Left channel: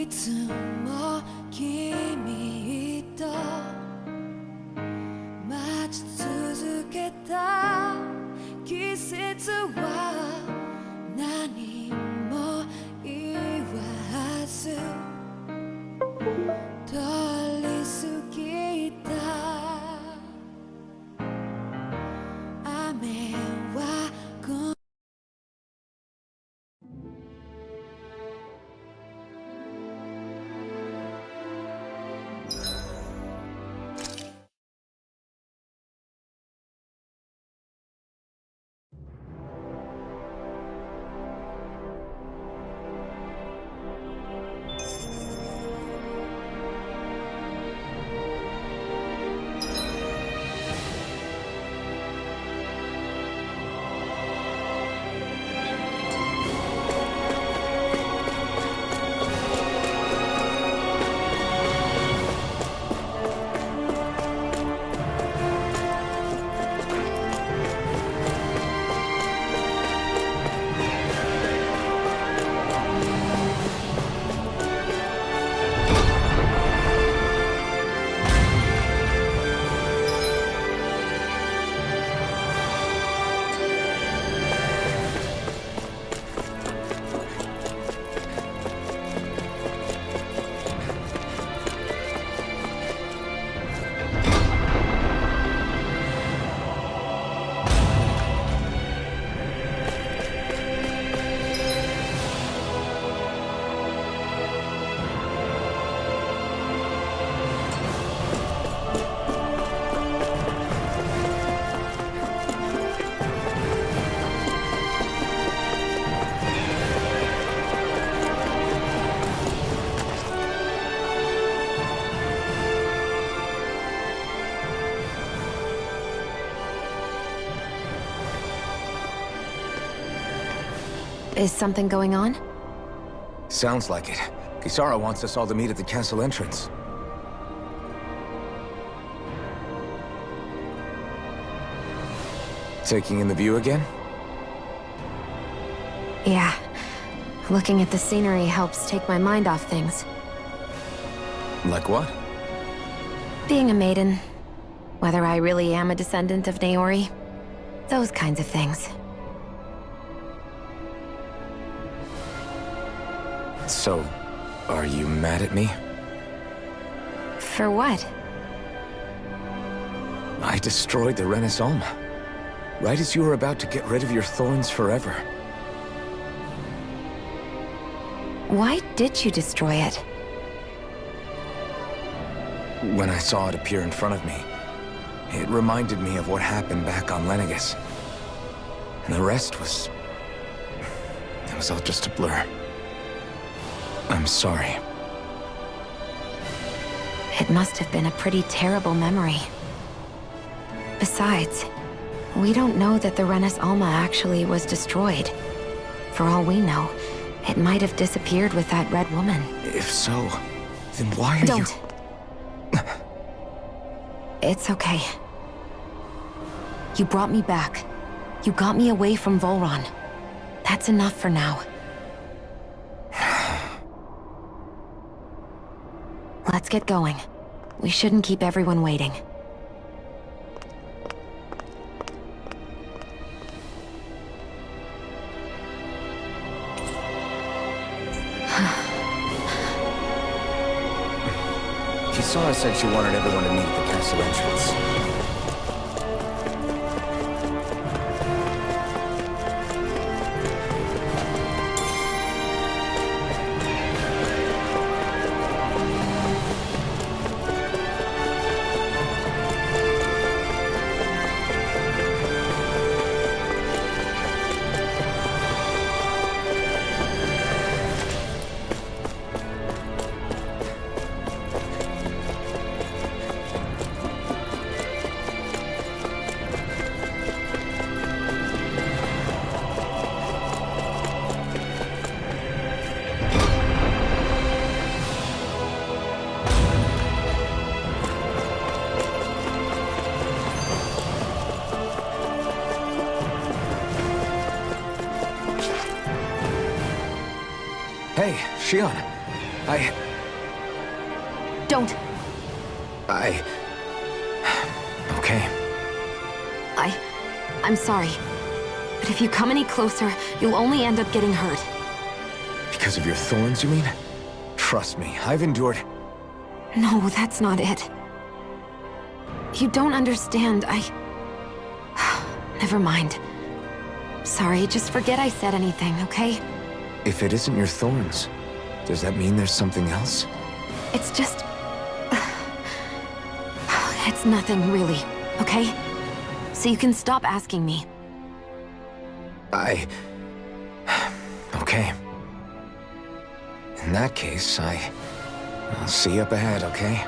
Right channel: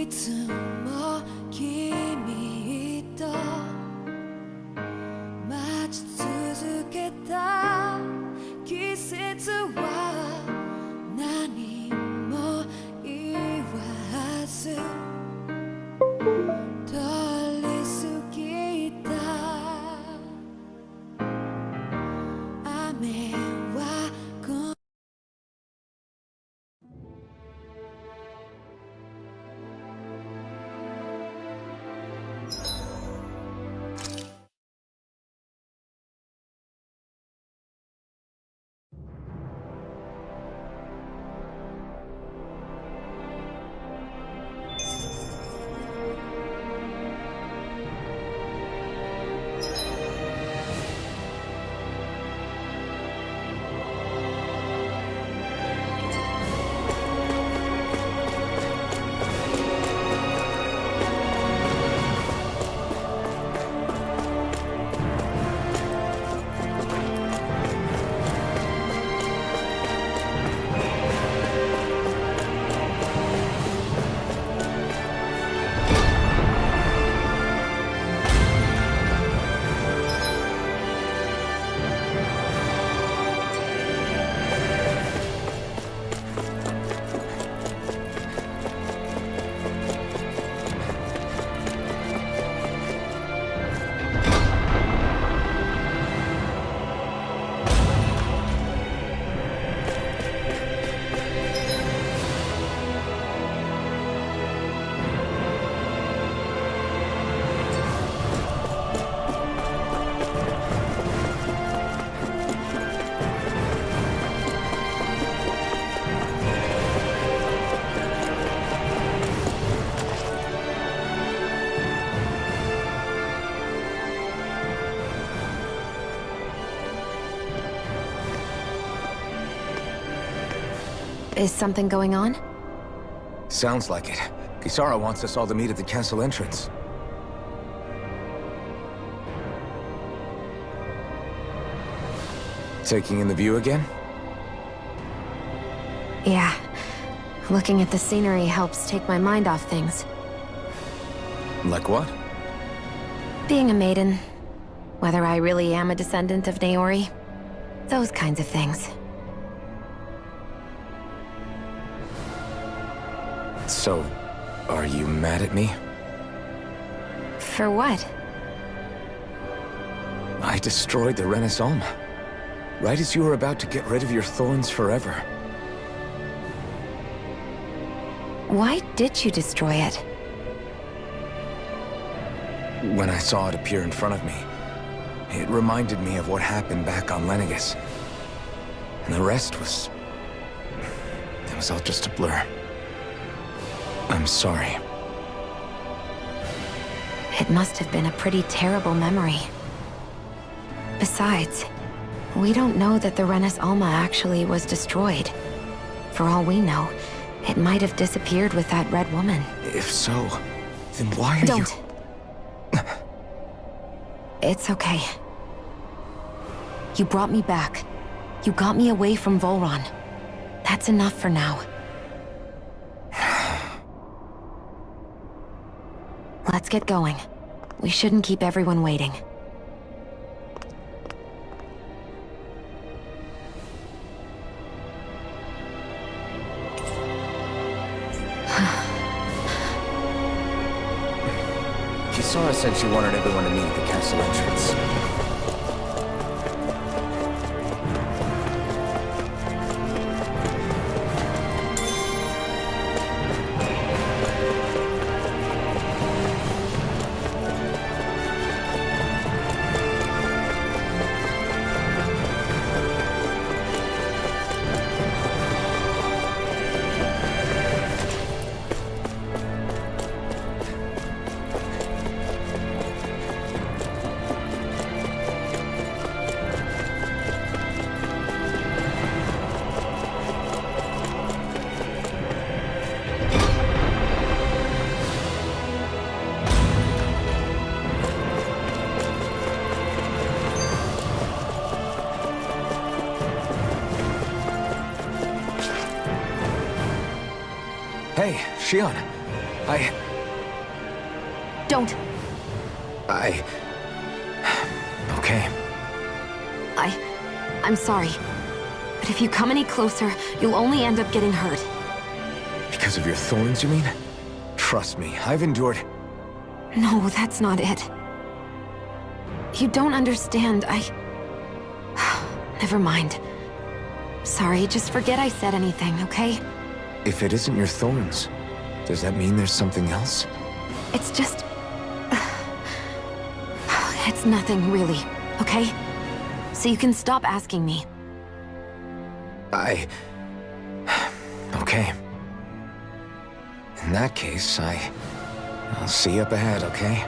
いつも君と待ち続けた季節は何も言わず通り過ぎた。雨はIs something going on? Sounds like it. Kisara wants us all to meet at the castle entrance. Taking in the view again? Yeah. Looking at the scenery helps take my mind off things. Like what? Being a maiden. Whether I really am a descendant of Naori. Those kinds of things. So, are you mad at me? For what? I destroyed the Renis Alma. Right as you were about to get rid of your thorns forever. Why did you destroy it? When I saw it appear in front of me, it reminded me of what happened back on Lenegis. And the rest was... it was all just a blur. I'm sorry. It must have been a pretty terrible memory. Besides, we don't know that the Renis Alma actually was destroyed. For all we know, it might have disappeared with that red woman. If so, then why are you... Don't. It's okay. You brought me back. You got me away from Volron. That's enough for now. Let's get going. We shouldn't keep everyone waiting. Kisara said she wanted everyone to meet at the castle entrance. Hey, Shion. Don't. Okay. I'm sorry. But if you come any closer, you'll only end up getting hurt. Because of your thorns, you mean? Trust me, I've endured... No, that's not it. You don't understand, Never mind. Sorry, just forget I said anything, okay? If it isn't your thorns, does that mean there's something else? It's just... It's nothing, really, okay? So you can stop asking me. Okay. In that case, I'll see you up ahead, okay?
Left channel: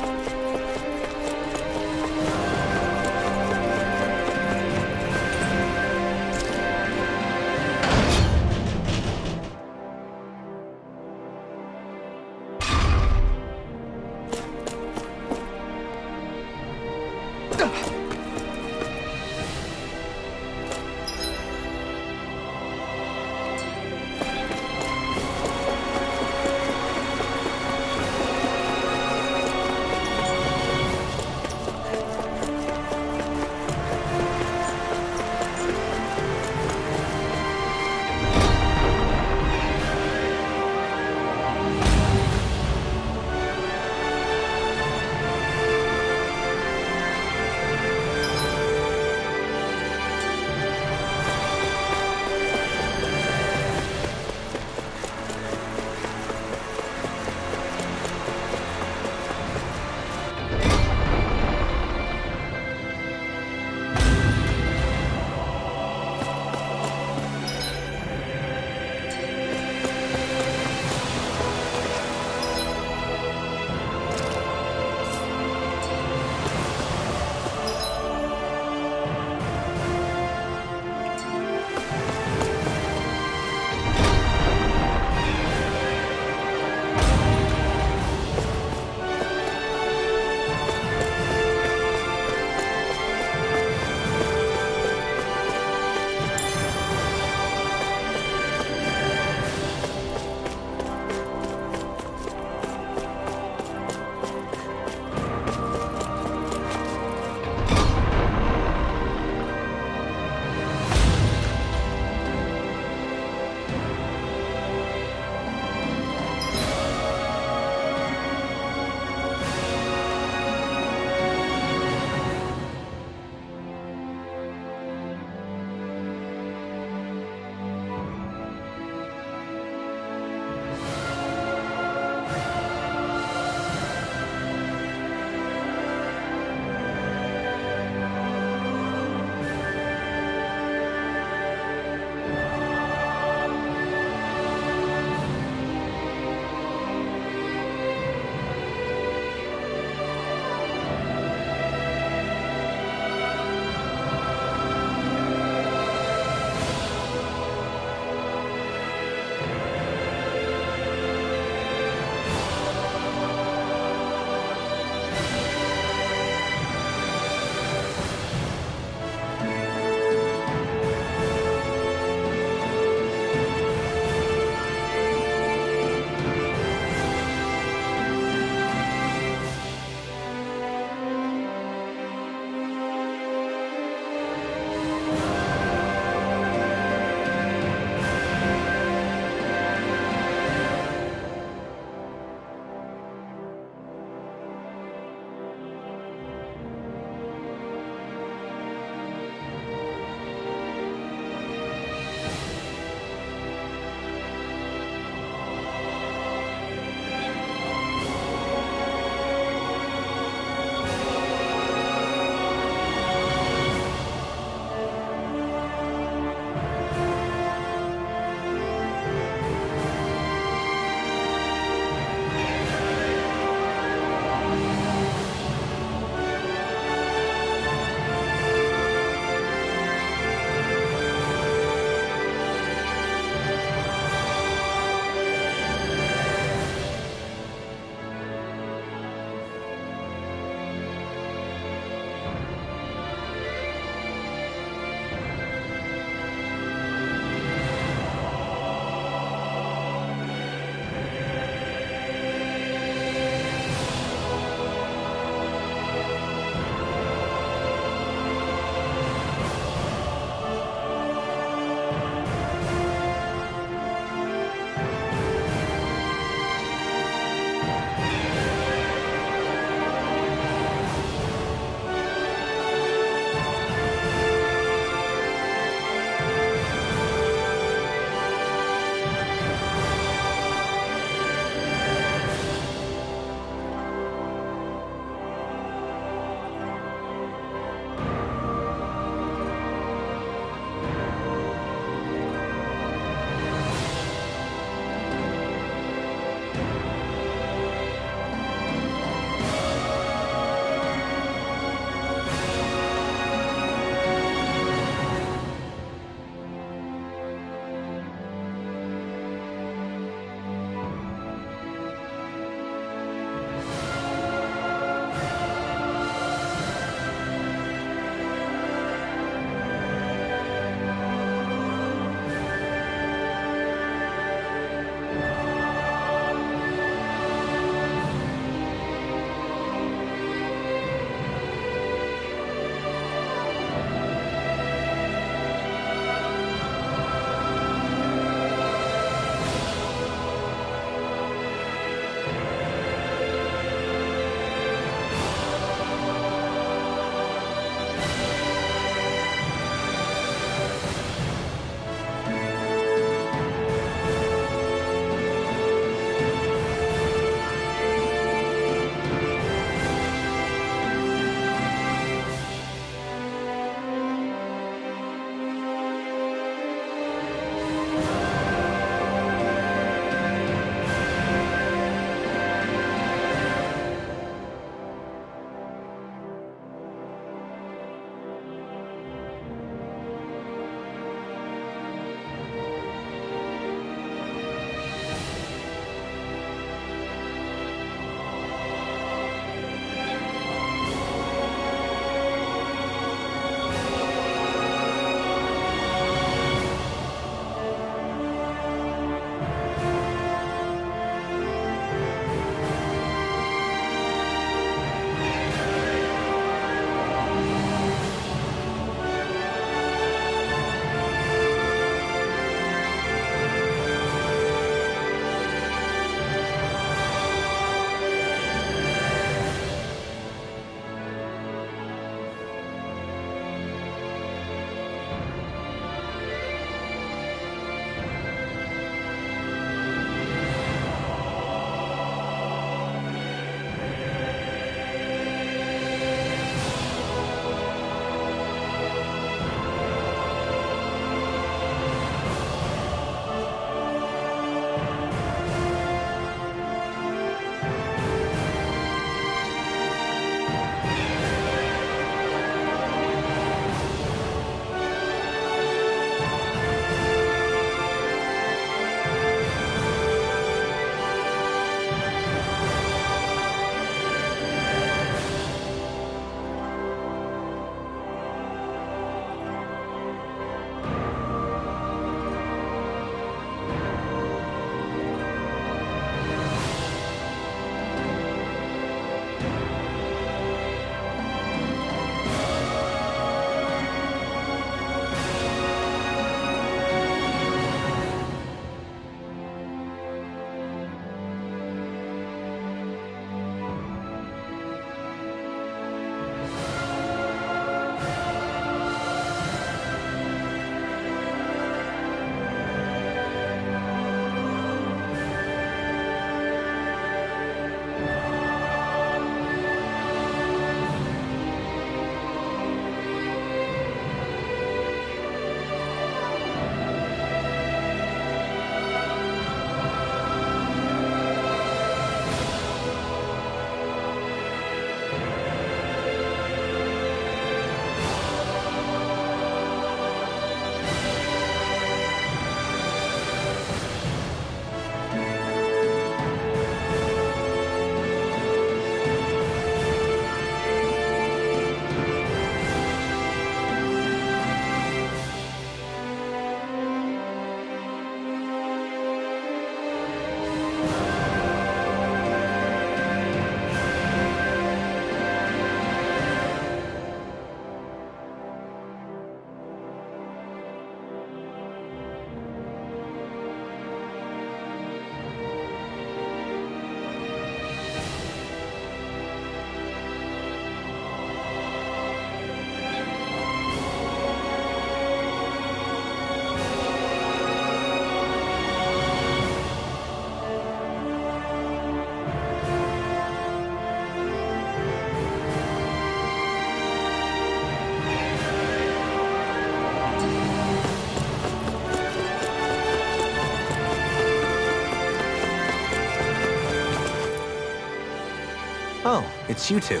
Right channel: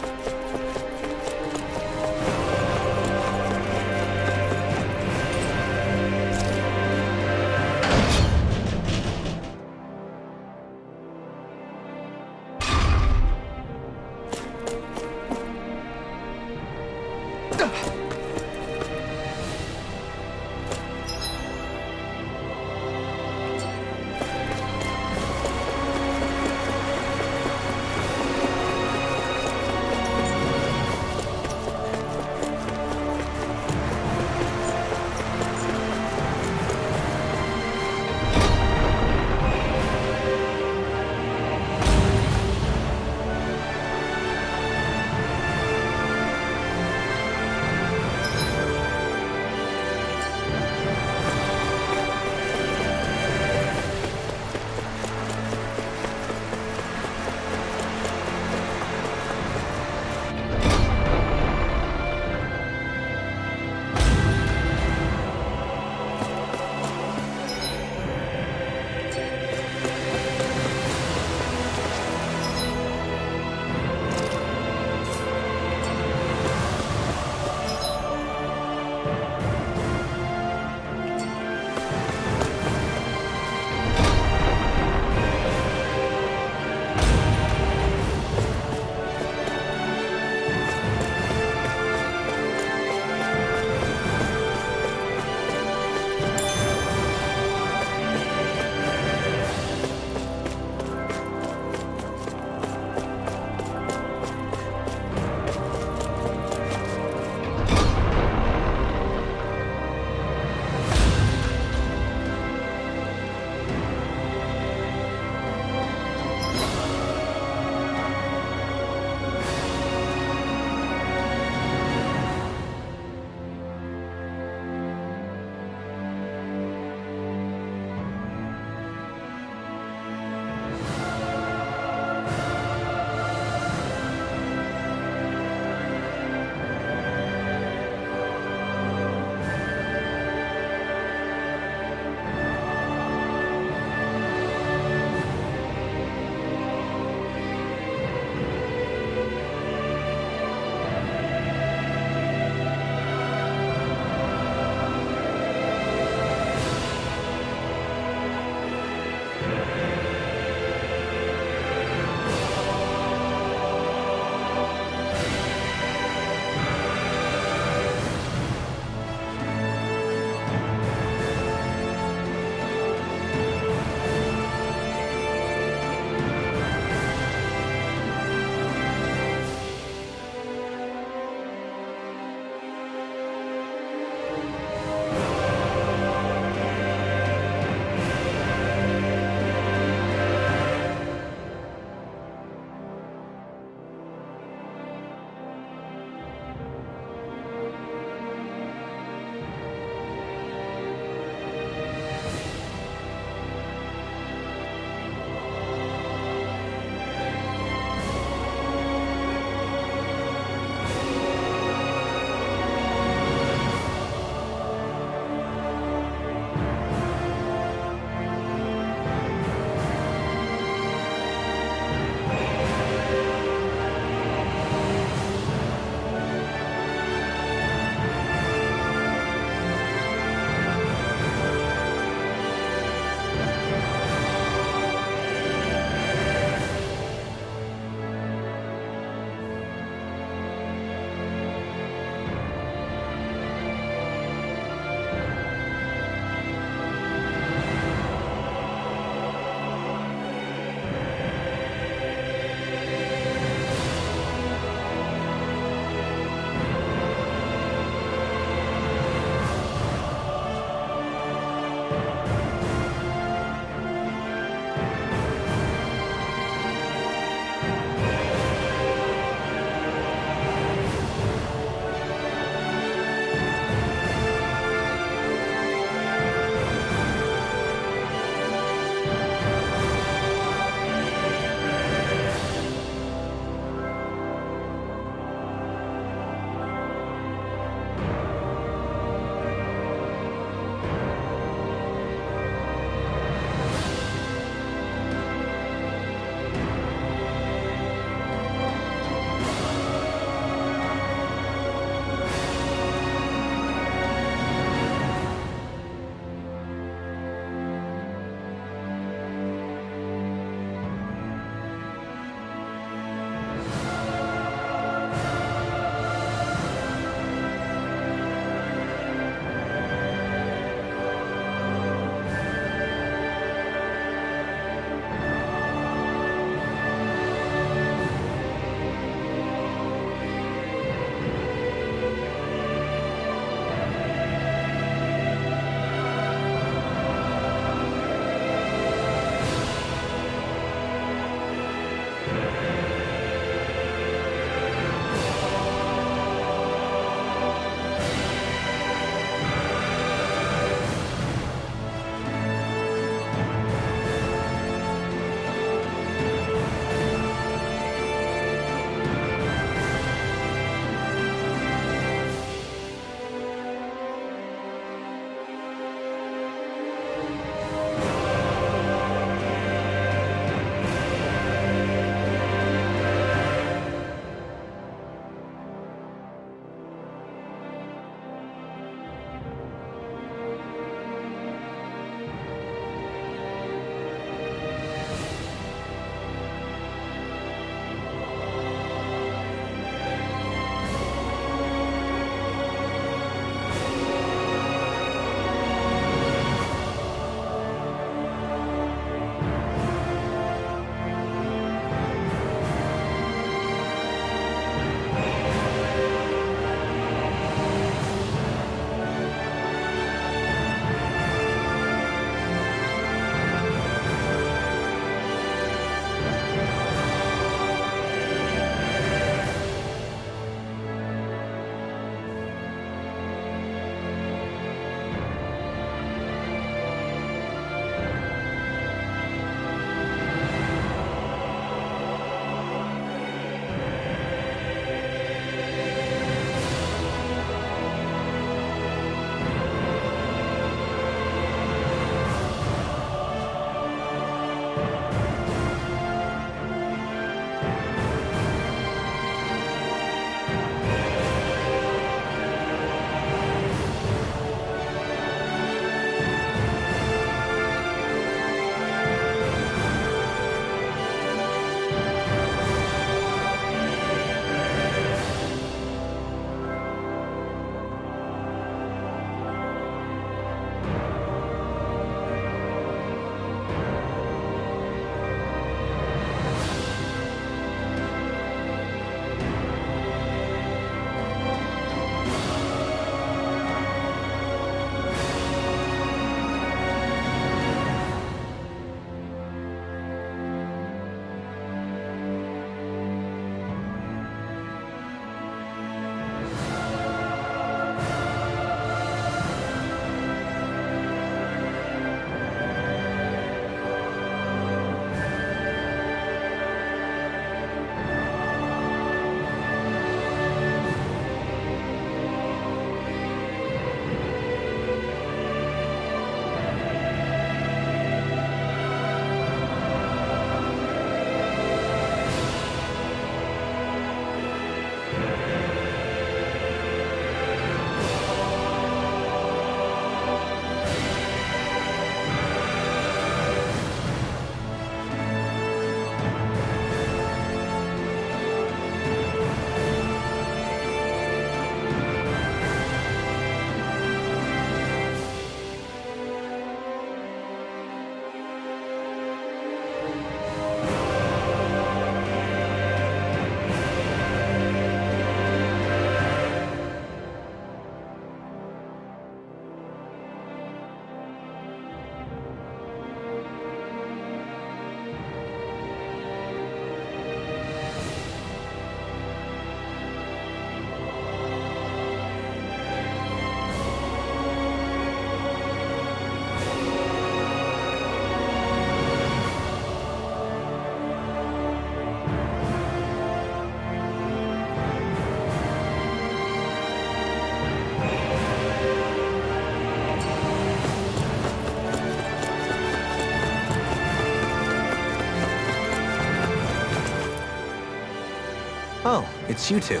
Oh, it's you two.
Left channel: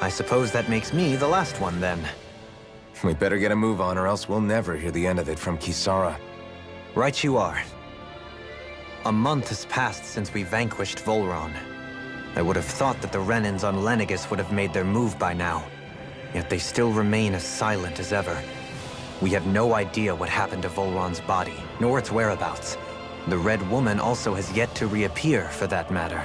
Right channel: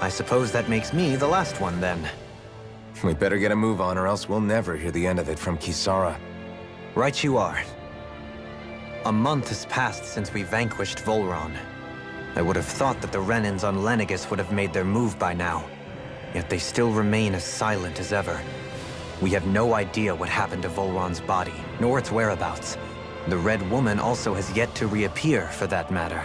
I suppose that makes me the last one then. We better get a move on or else we'll never hear the end of it from Kisara. Right you are. A month has passed since we vanquished Volron. I would have thought that the Renans on Lenegis would have made their move by now. Yet they still remain as silent as ever. We have no idea what happened to Volron's body, nor its whereabouts. The Red Woman also has yet to reappear, for that matter.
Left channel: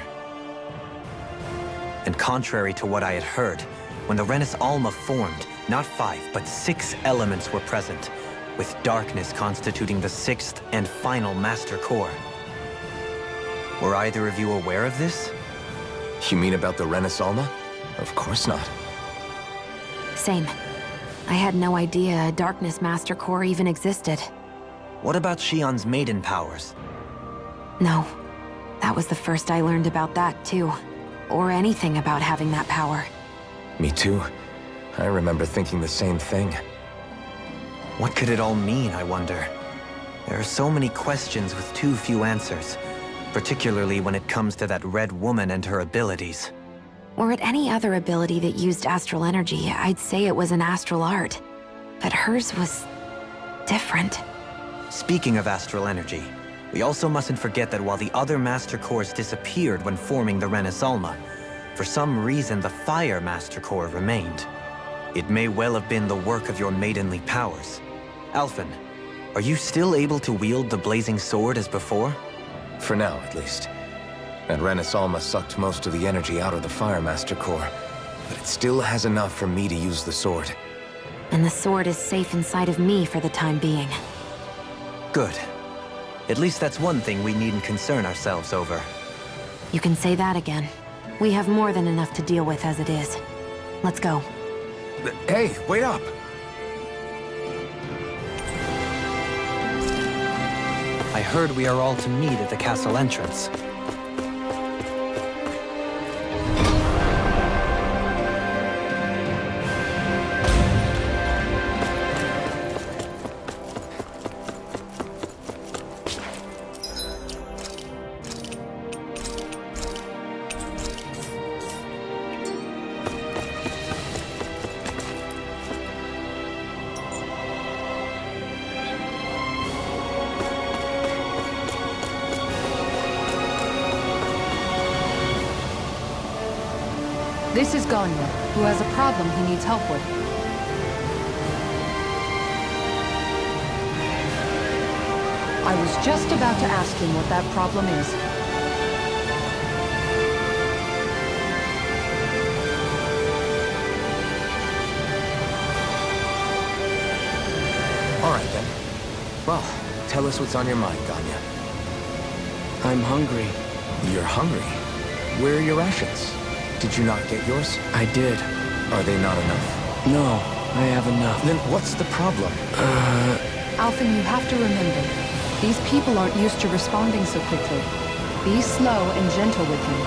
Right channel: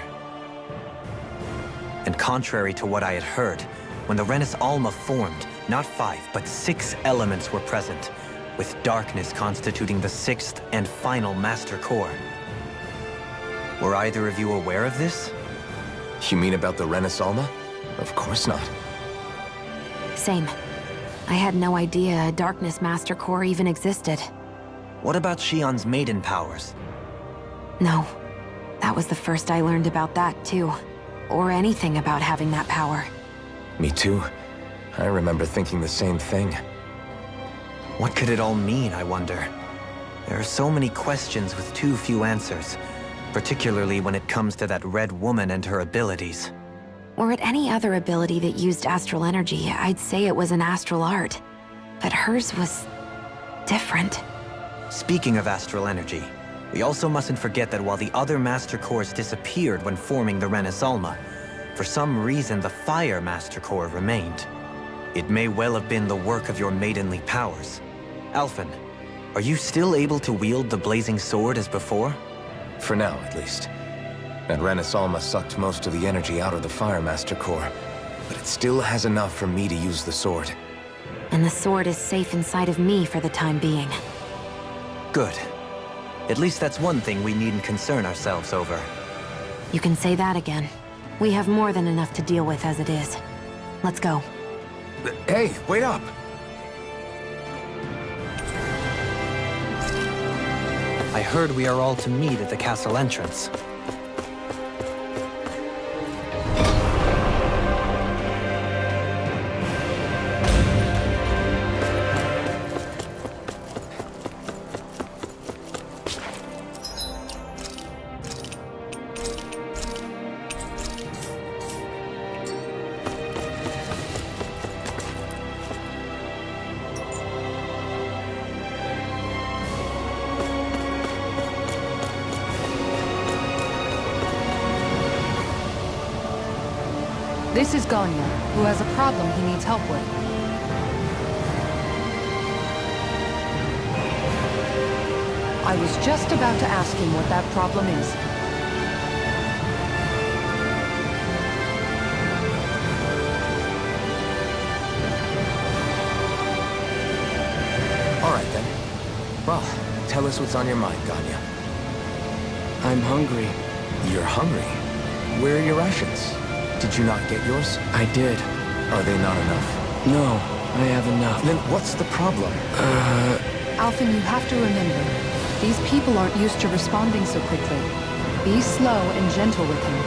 And contrary to what I had heard, when the Renis Alma formed, not 5, but 6 elements were present, with darkness constituting the 6th and final Master Core. Were either of you aware of this? You mean about the Renis Alma? Of course not. Same. I had no idea a Darkness Master Core even existed. What about Shion's maiden powers? No. That was the first I learned about that, too. Or anything about having that power. Me too. I remember thinking the same thing. What could it all mean, I wonder? There are so many questions with too few answers, particularly when it comes to that Red Woman and her abilities. Were it any other ability that used astral energy, I'd say it was an astral art. But hers was different. Speaking of astral energy, we also mustn't forget that while the other Master Cores disappeared when forming the Renis Alma, for some reason the Fire Master Core remained. It may well have been the work of your maidenly powers. Alphen, are you still able to wield the blazing sword as before? For now, at least. That Renis Alma sucked most of the energy out of the Fire Master Core, but it still has enough for me to use the sword. And the sword is safe inside of me for the time being. Good. At least that's one thing we needn't concern ourselves over. You can say that again. We have more than enough to deal with as it is. Let's go. Hey, wait up! I heard we are all to meet at the castle entrance. This is Ganya, who has a problem he needs help with. I was just about to ask him what that problem is. All right, then. Well, tell us what's on your mind, Ganya. I'm hungry. You're hungry? Where are your rations? Did you not get yours? I did. Are they not enough? No, I have enough. Then what's the problem? Alphen, you have to remember, these people aren't used to responding so quickly. Be slow and gentle with him.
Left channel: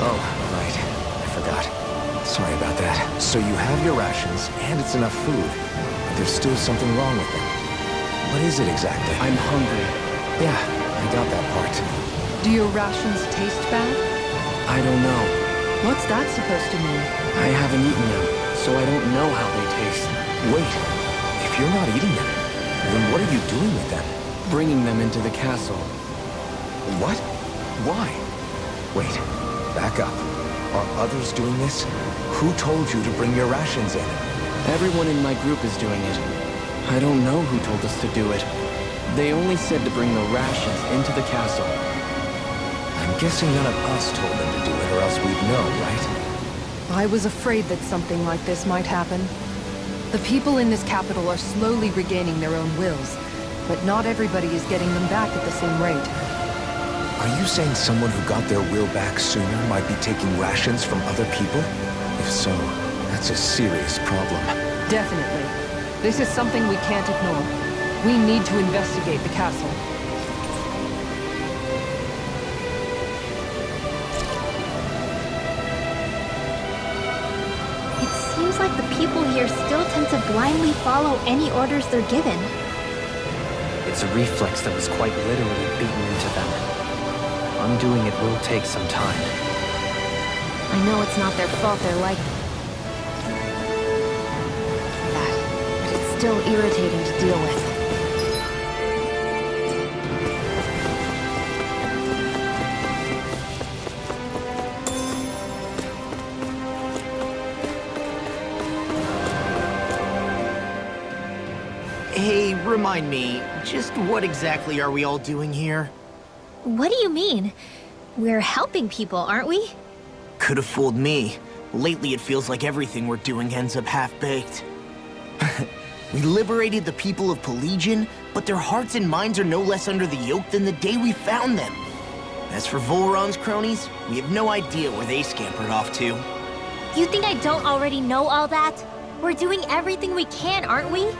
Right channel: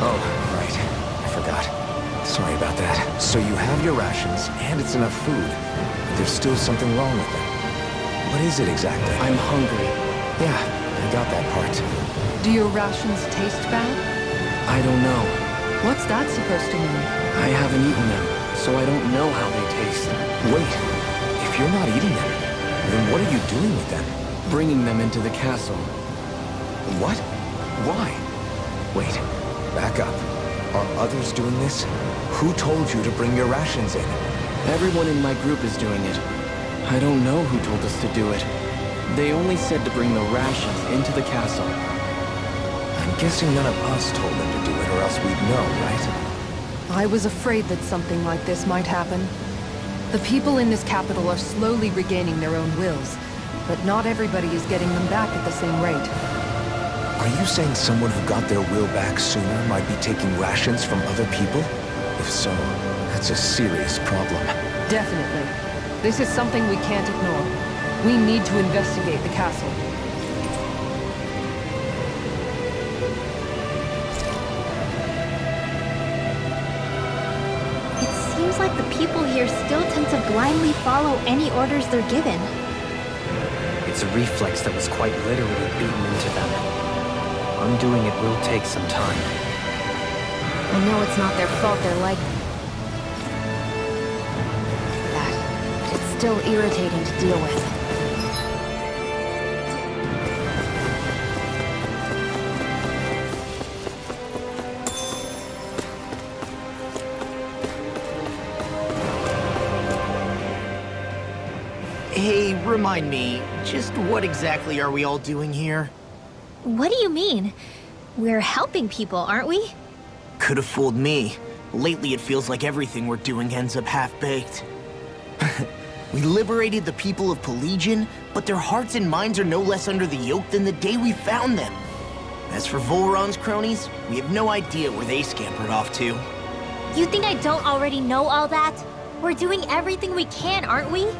Oh, right. I forgot. Sorry about that. So you have your rations, and it's enough food, but there's still something wrong with them. What is it exactly? I'm hungry. Yeah, I got that part. Do your rations taste bad? I don't know. What's that supposed to mean? I haven't eaten them, so I don't know how they taste. Wait, if you're not eating them, then what are you doing with them? Bringing them into the castle. What? Why? Wait, back up. Are others doing this? Who told you to bring your rations in? Everyone in my group is doing it. I don't know who told us to do it. They only said to bring the rations into the castle. I'm guessing none of us told them to do it, or else we'd know, right? I was afraid that something like this might happen. The people in this capital are slowly regaining their own wills, but not everybody is getting them back at the same rate. Are you saying someone who got their will back sooner might be taking rations from other people? If so, that's a serious problem. Definitely. This is something we can't ignore. We need to investigate the castle. It seems like the people here still tend to blindly follow any orders they're given. It's a reflex that was quite literally beaten into them. Undoing it will take some time. I know it's not their fault they're like that, but it's still irritating to deal with. Hey, remind me, just what exactly are we all doing here? What do you mean? We're helping people, aren't we? Could have fooled me. Lately it feels like everything we're doing ends up half-baked. We liberated the people of Pelegion, but their hearts and minds are no less under the yoke than the day we found them. As for Volron's cronies, we have no idea where they scampered off to. You think I don't already know all that? We're doing everything we can, aren't we?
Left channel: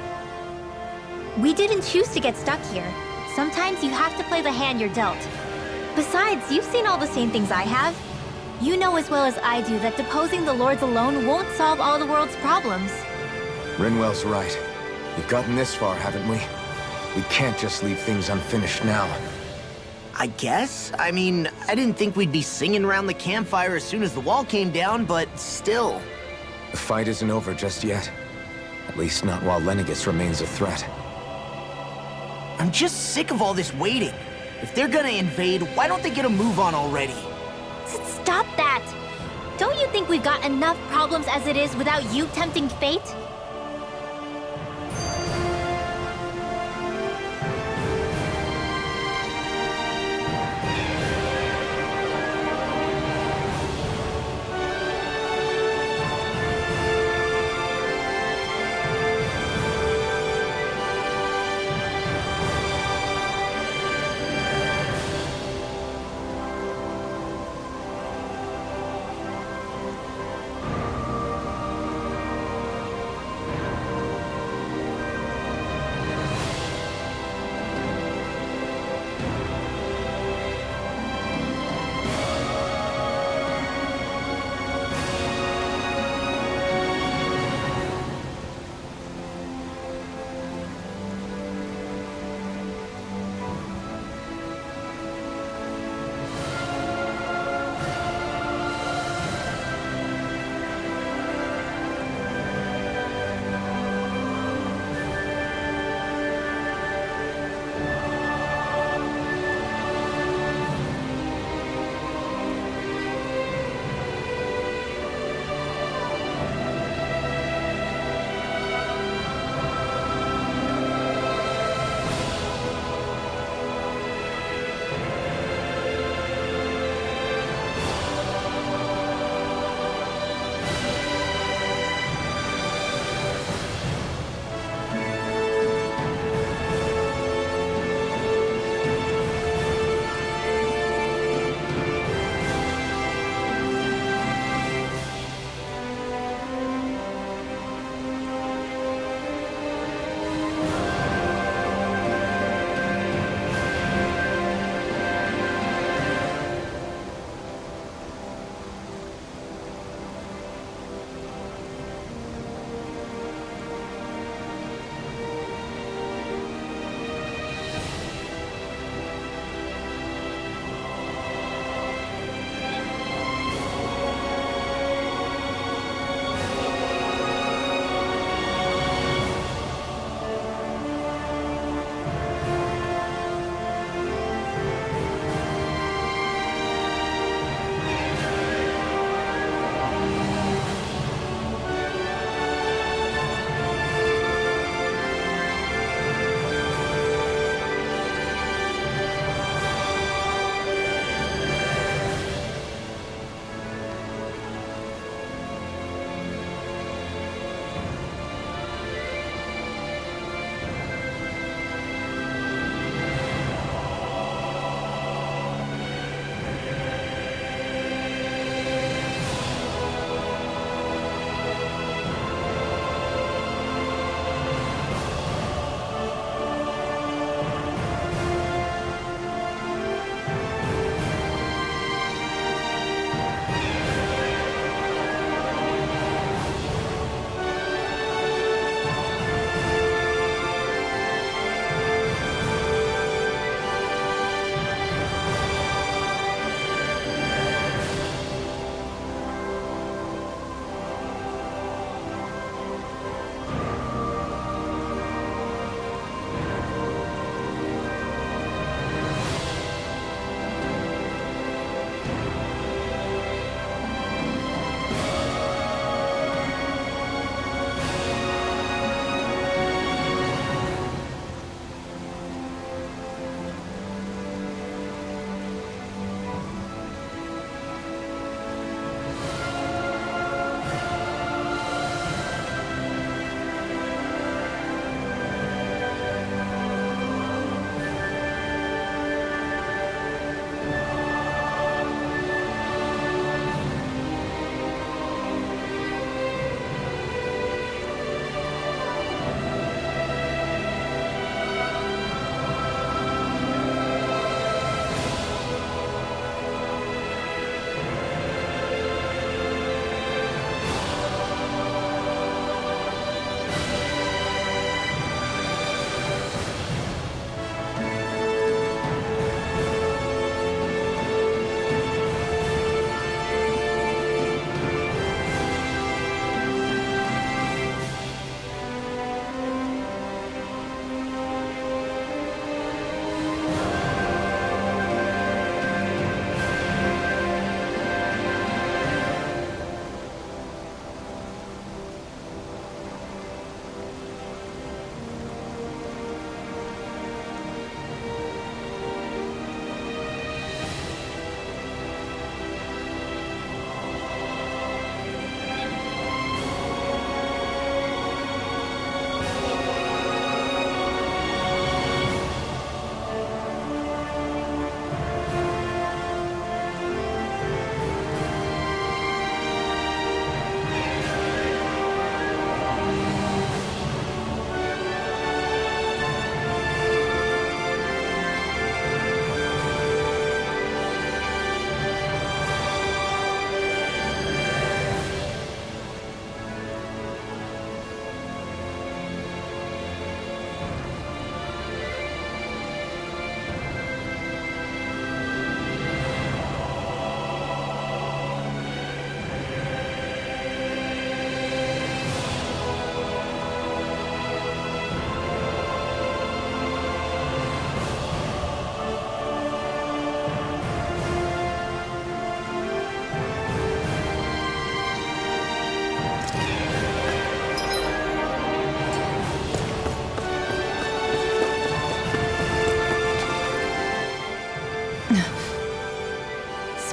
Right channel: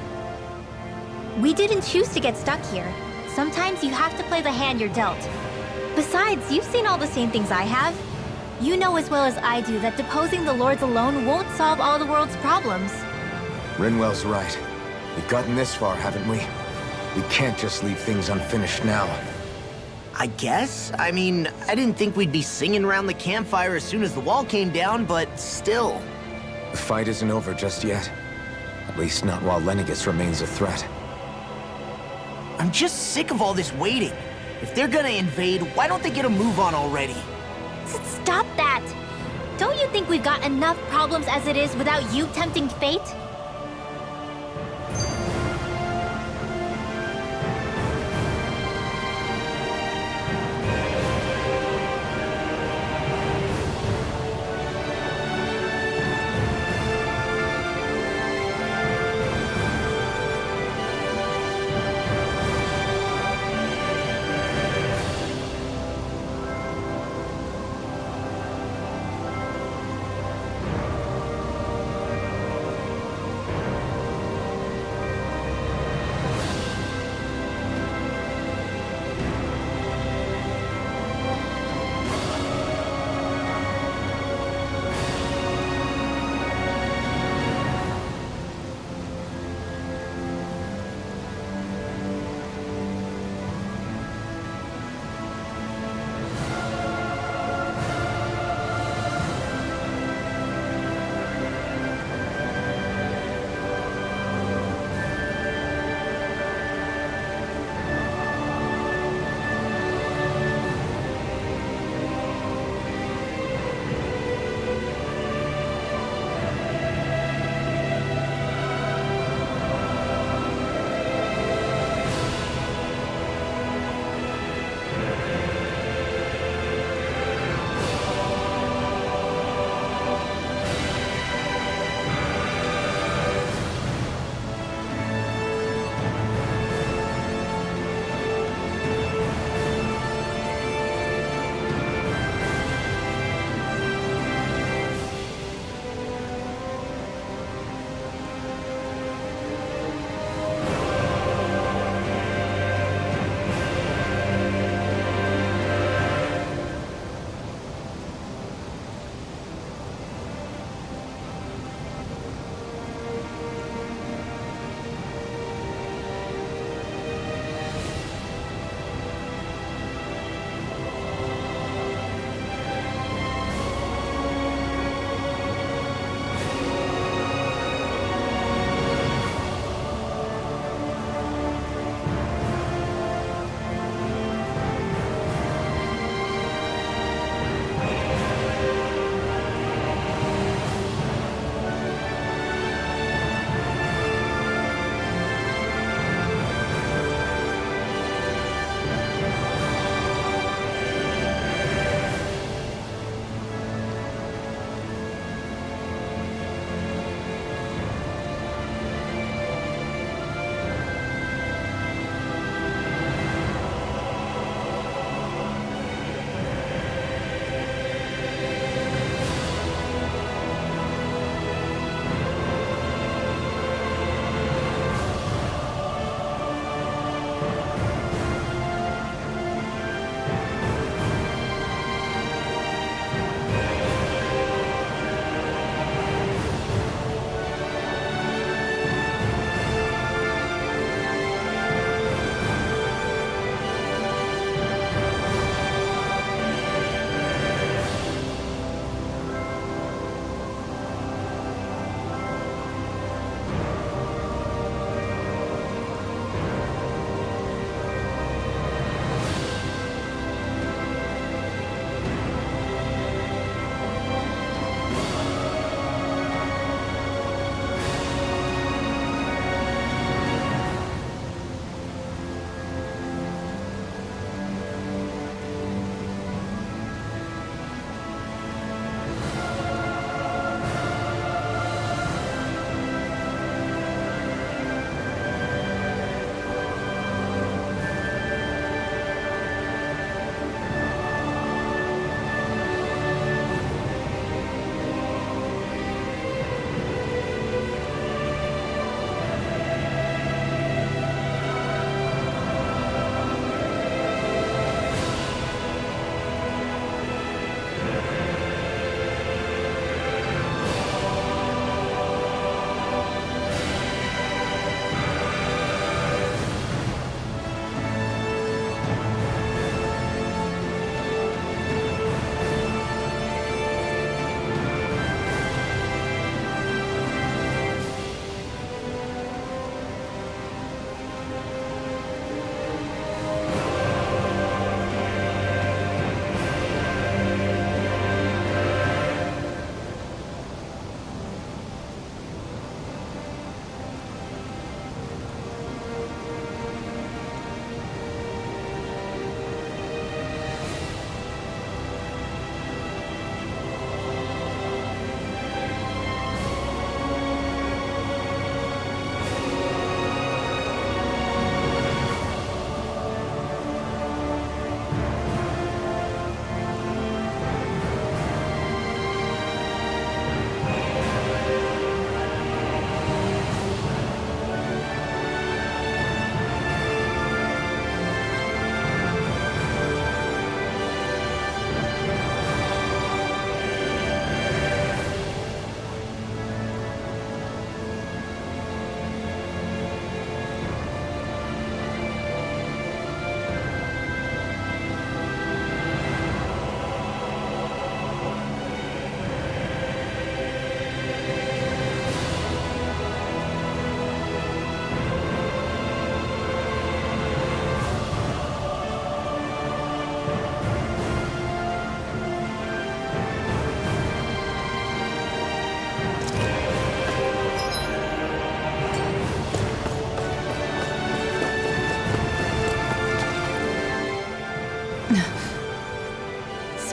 We didn't choose to get stuck here. Sometimes you have to play the hand you're dealt. Besides, you've seen all the same things I have. You know as well as I do that deposing the lords alone won't solve all the world's problems. Rinwell's right. We've gotten this far, haven't we? We can't just leave things unfinished now. I guess? I mean, I didn't think we'd be singing around the campfire as soon as the wall came down, but still. The fight isn't over just yet. At least not while Lenegis remains a threat. I'm just sick of all this waiting. If they're gonna invade, why don't they get a move on already? Stop that! Don't you think we've got enough problems as it is without you tempting fate?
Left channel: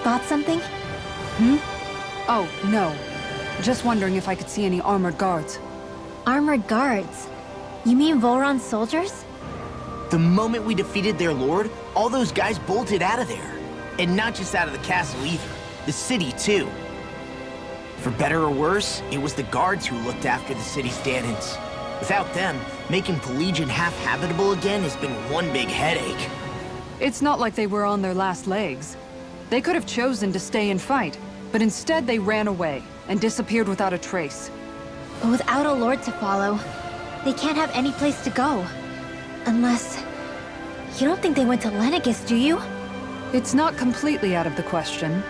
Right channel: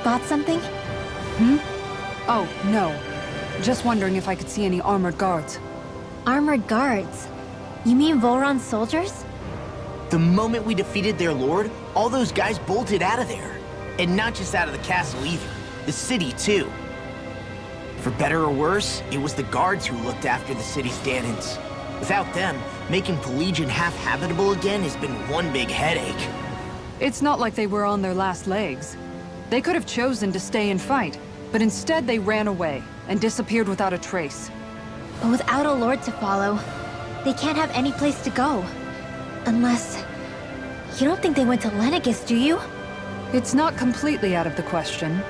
spot something? Oh, no. Just wondering if I could see any armored guards. Armored guards? You mean Volron's soldiers? The moment we defeated their lord, all those guys bolted out of there. And not just out of the castle either. The city, too. For better or worse, it was the guards who looked after the city's Dahnans. Without them, making Pelegion half-habitable again has been one big headache. It's not like they were on their last legs. They could have chosen to stay and fight, but instead they ran away and disappeared without a trace. But without a lord to follow, they can't have any place to go. Unless... You don't think they went to Lenegis, do you? It's not completely out of the question.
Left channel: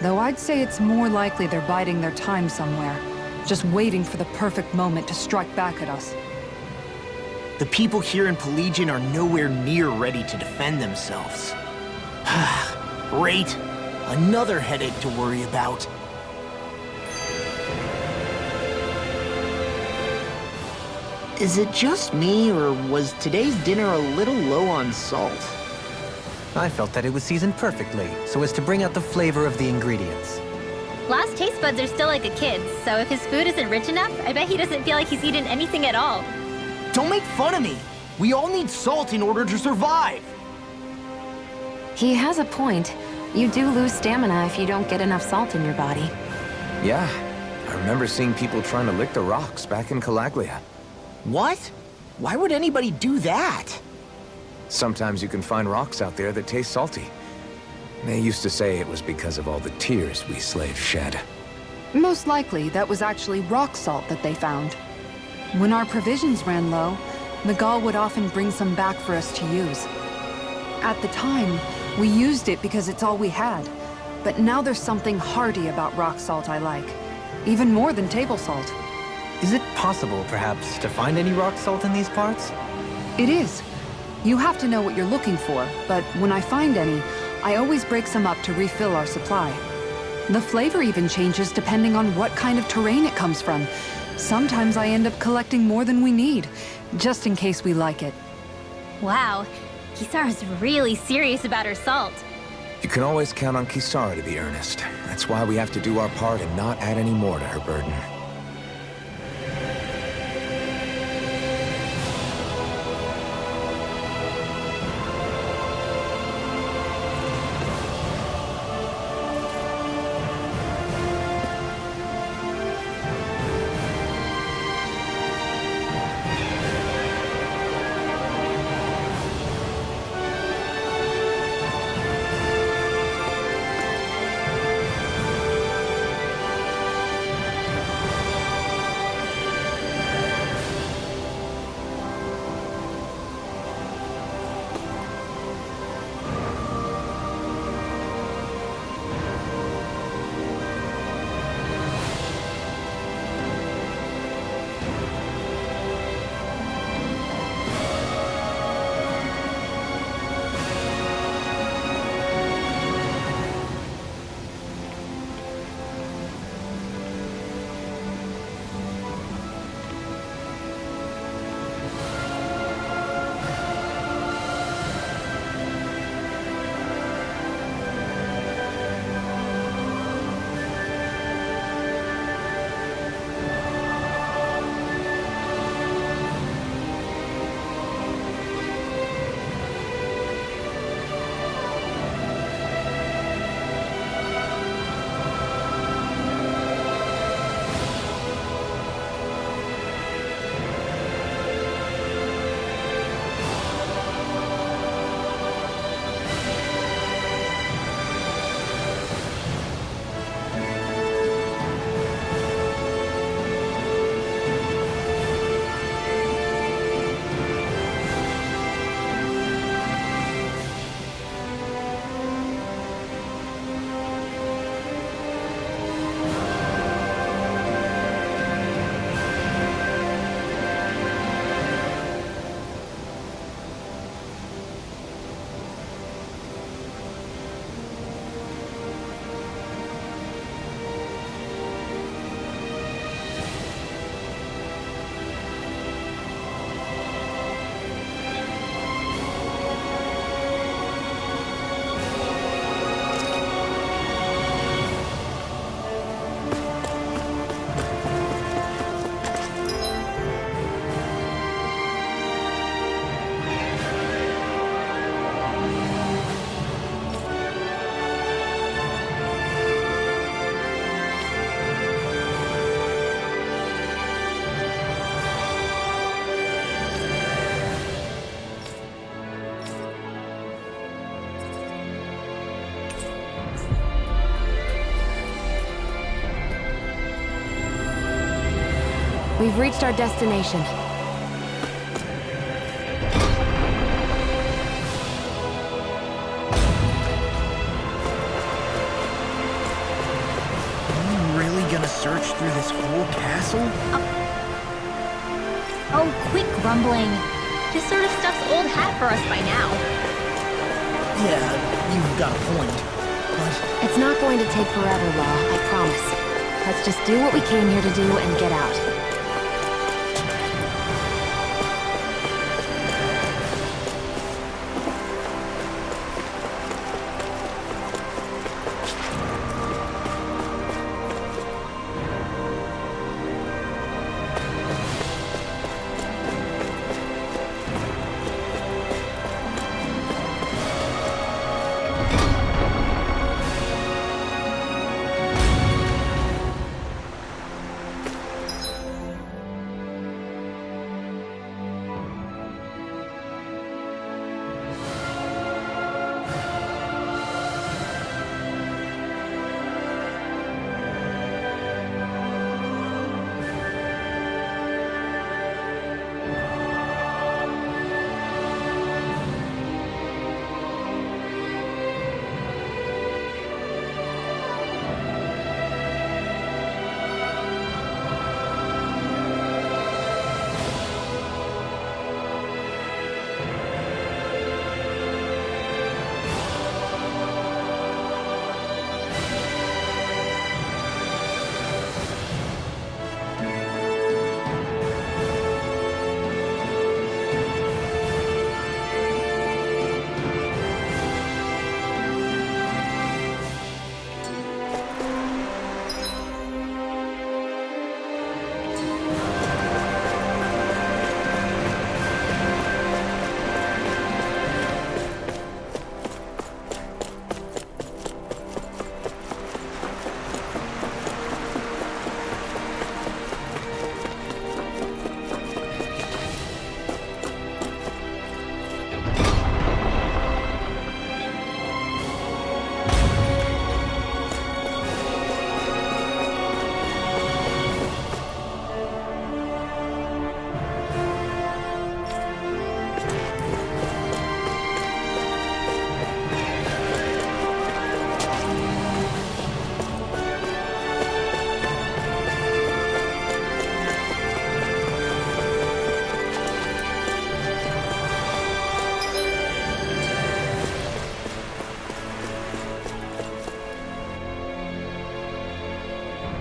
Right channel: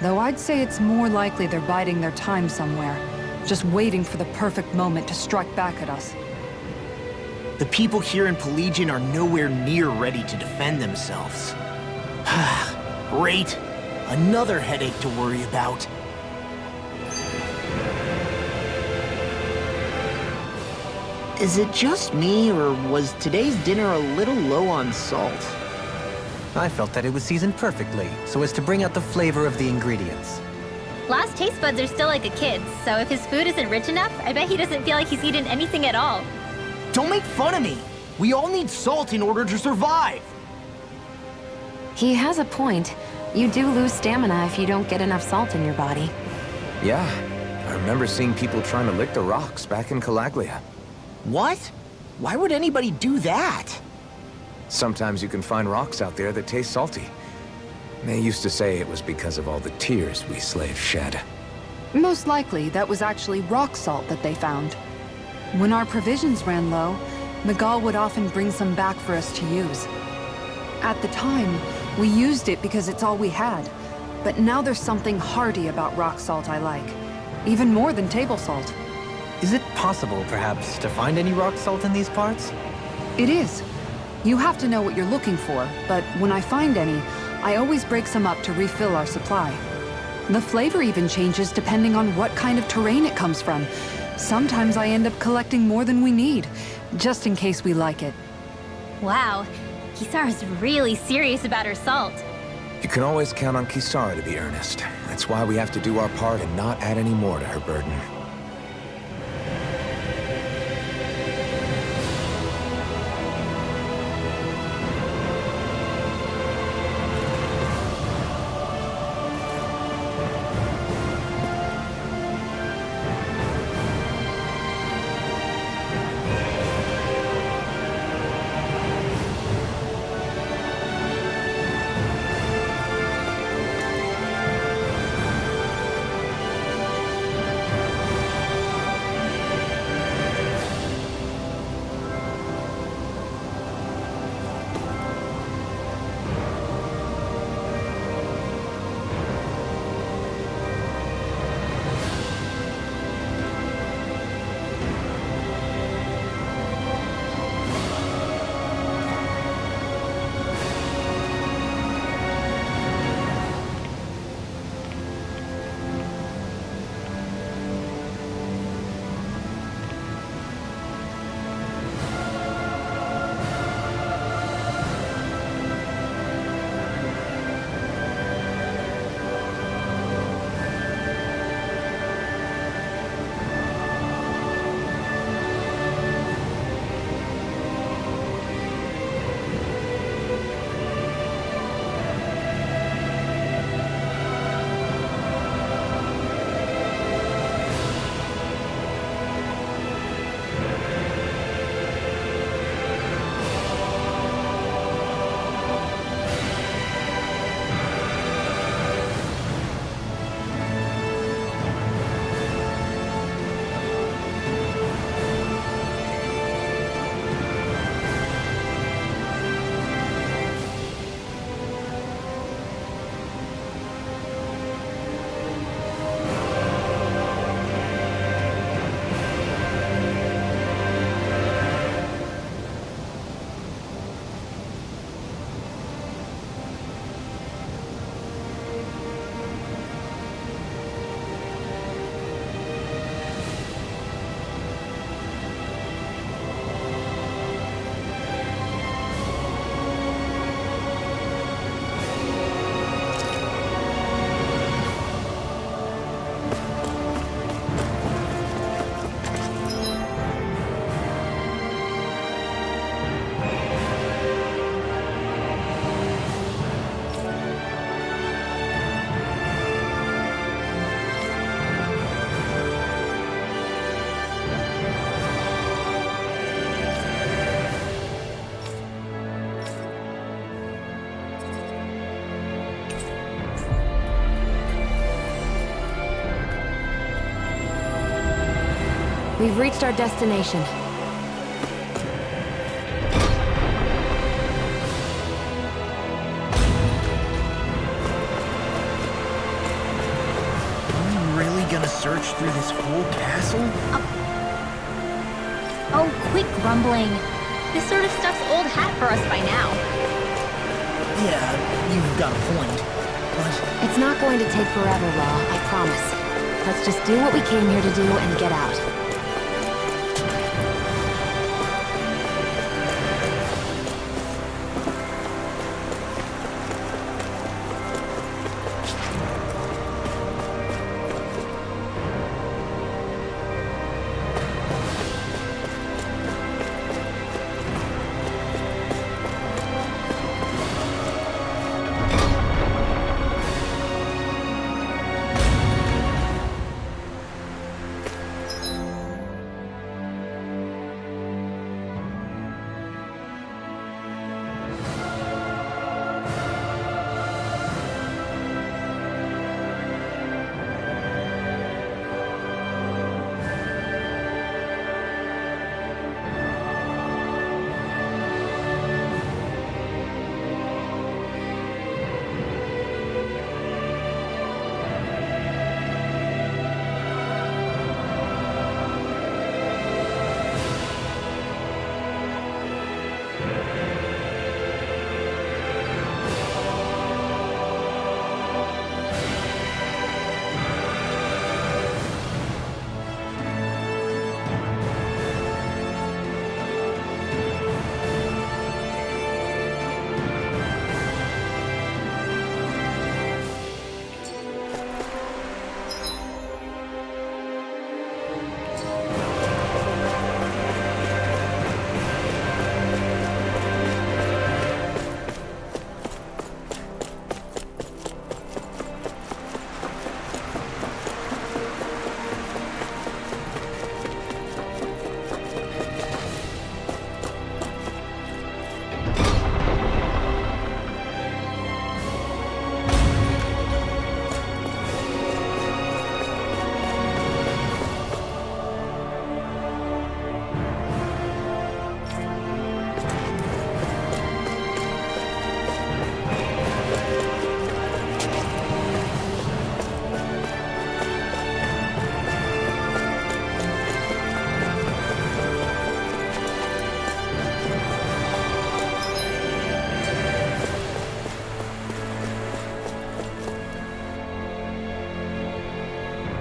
Though I'd say it's more likely they're biding their time somewhere, just waiting for the perfect moment to strike back at us. The people here in Pelegion are nowhere near ready to defend themselves. Great. Another headache to worry about. Is it just me, or was today's dinner a little low on salt? I felt that it was seasoned perfectly, so as to bring out the flavor of the ingredients. Last taste buds are still like a kid's, so if his food isn't rich enough, I bet he doesn't feel like he's eaten anything at all. Don't make fun of me! We all need salt in order to survive! He has a point. You do lose stamina if you don't get enough salt in your body. Yeah, I remember seeing people trying to lick the rocks back in Calaglia. What? Why would anybody do that? Sometimes you can find rocks out there that taste salty. They used to say it was because of all the tears we slaves shed. Most likely, that was actually rock salt that they found. When our provisions ran low, Miguel would often bring some back for us to use. At the time, we used it because it's all we had. But now there's something hearty about rock salt I like. Even more than table salt. Is it possible, perhaps, to find any rock salt in these parts? It is. You have to know what you're looking for, but when I find any, I always break some up to refill our supply. The flavor even changes depending on what kind of terrain it comes from. Sometimes I end up collecting more than we need, just in case we like it. Wow, Kisara's really serious about her salt. You can always count on Kisara to be earnest. That's why we have to do our part and not add any more to her burden. We've reached our destination. Are we really gonna search through this whole castle? Oh, quit grumbling. This sort of stuff's old hat for us by now. Yeah, you've got a point. But It's not going to take forever, Law, I promise. Let's just do what we came here to do and get out.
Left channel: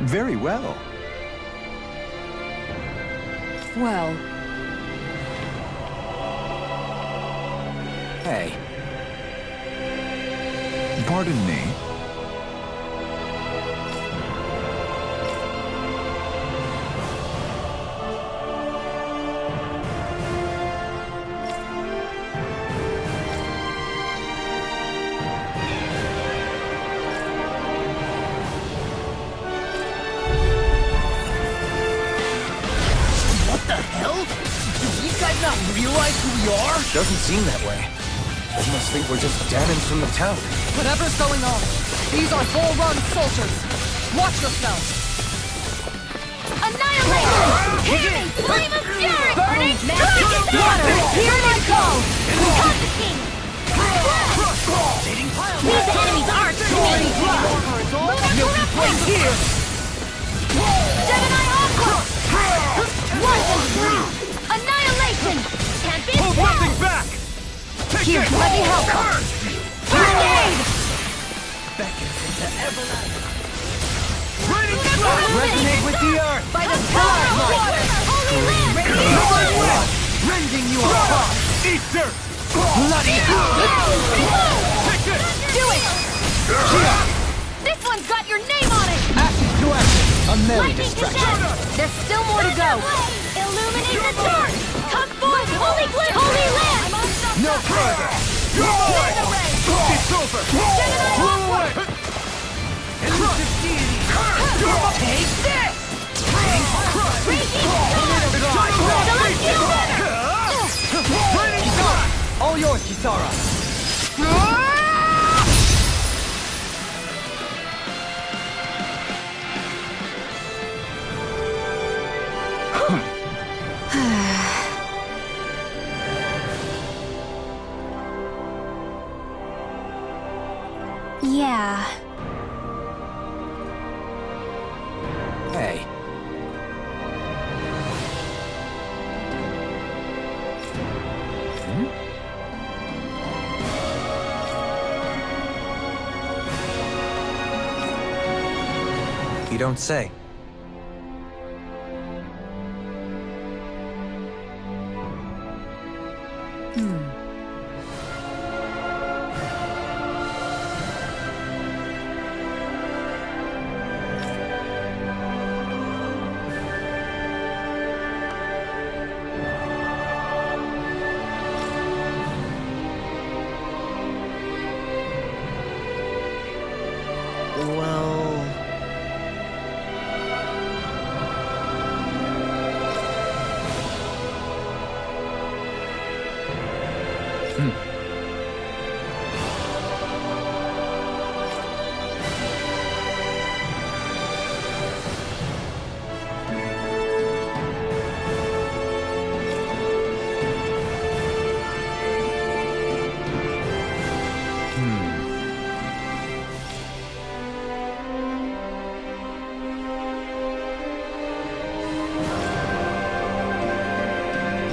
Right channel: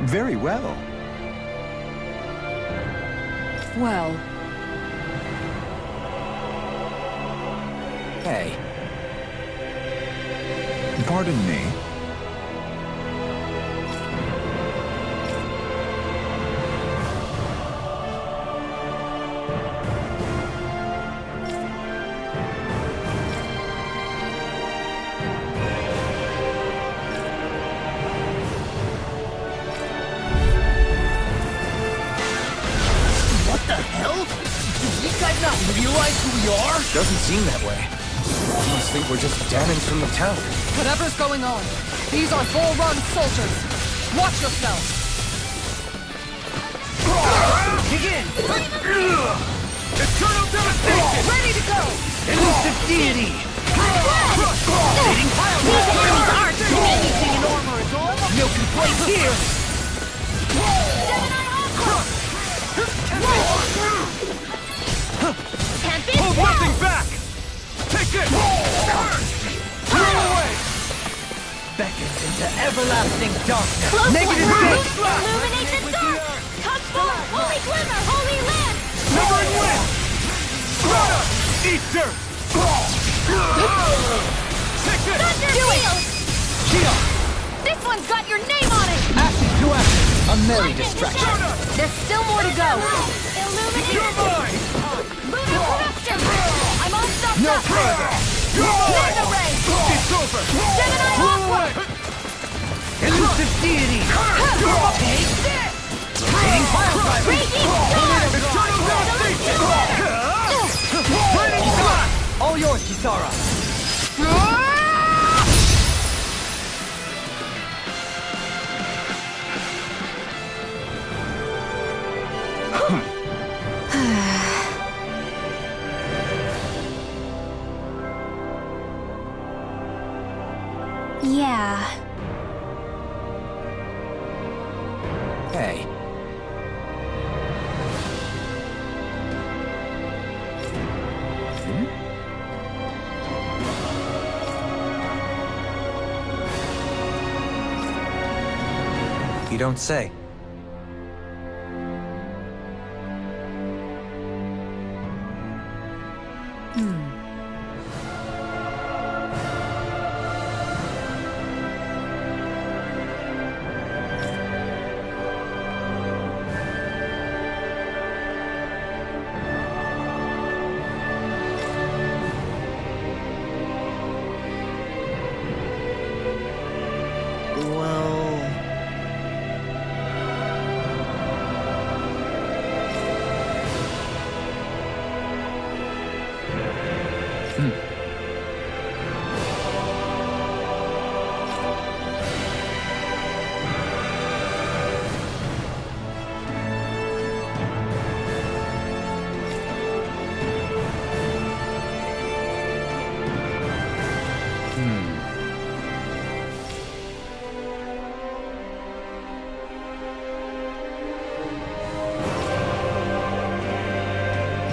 Very well. Well, Hey, Pardon me. What the hell? Do these guys not realize who we are? doesn't seem that way. Must think we're just demons from the town. whatever's going on, these are Bull-Run soldiers. Watch yourselves. Annihilate! Flame of fury burning! Ready to go! These enemies aren't me! No complaints here! Gemini Aqua! Annihilation! Tempest! Hold nothing back! Take it! Beckons into everlasting darkness. Negative resonate with the earth! Come forward, holy glimmer! Holy land! Divine wind! Rending you all. Eat dirt! Take this! Do it! This one's got your name on it! Ashes to ashes. A merry Lightning to distraction. dust! There's still more to go. Illuminate You're the mine! Come forward, holy glimmer! I'm unstopped! No further! You're mine! Laser ray! It's over! Gemini Aqua! Elusive deity. Take this! Raining fire! Raging storm! Raining fire! All yours, Kisara. Yeah. Hey. You don't say. Well...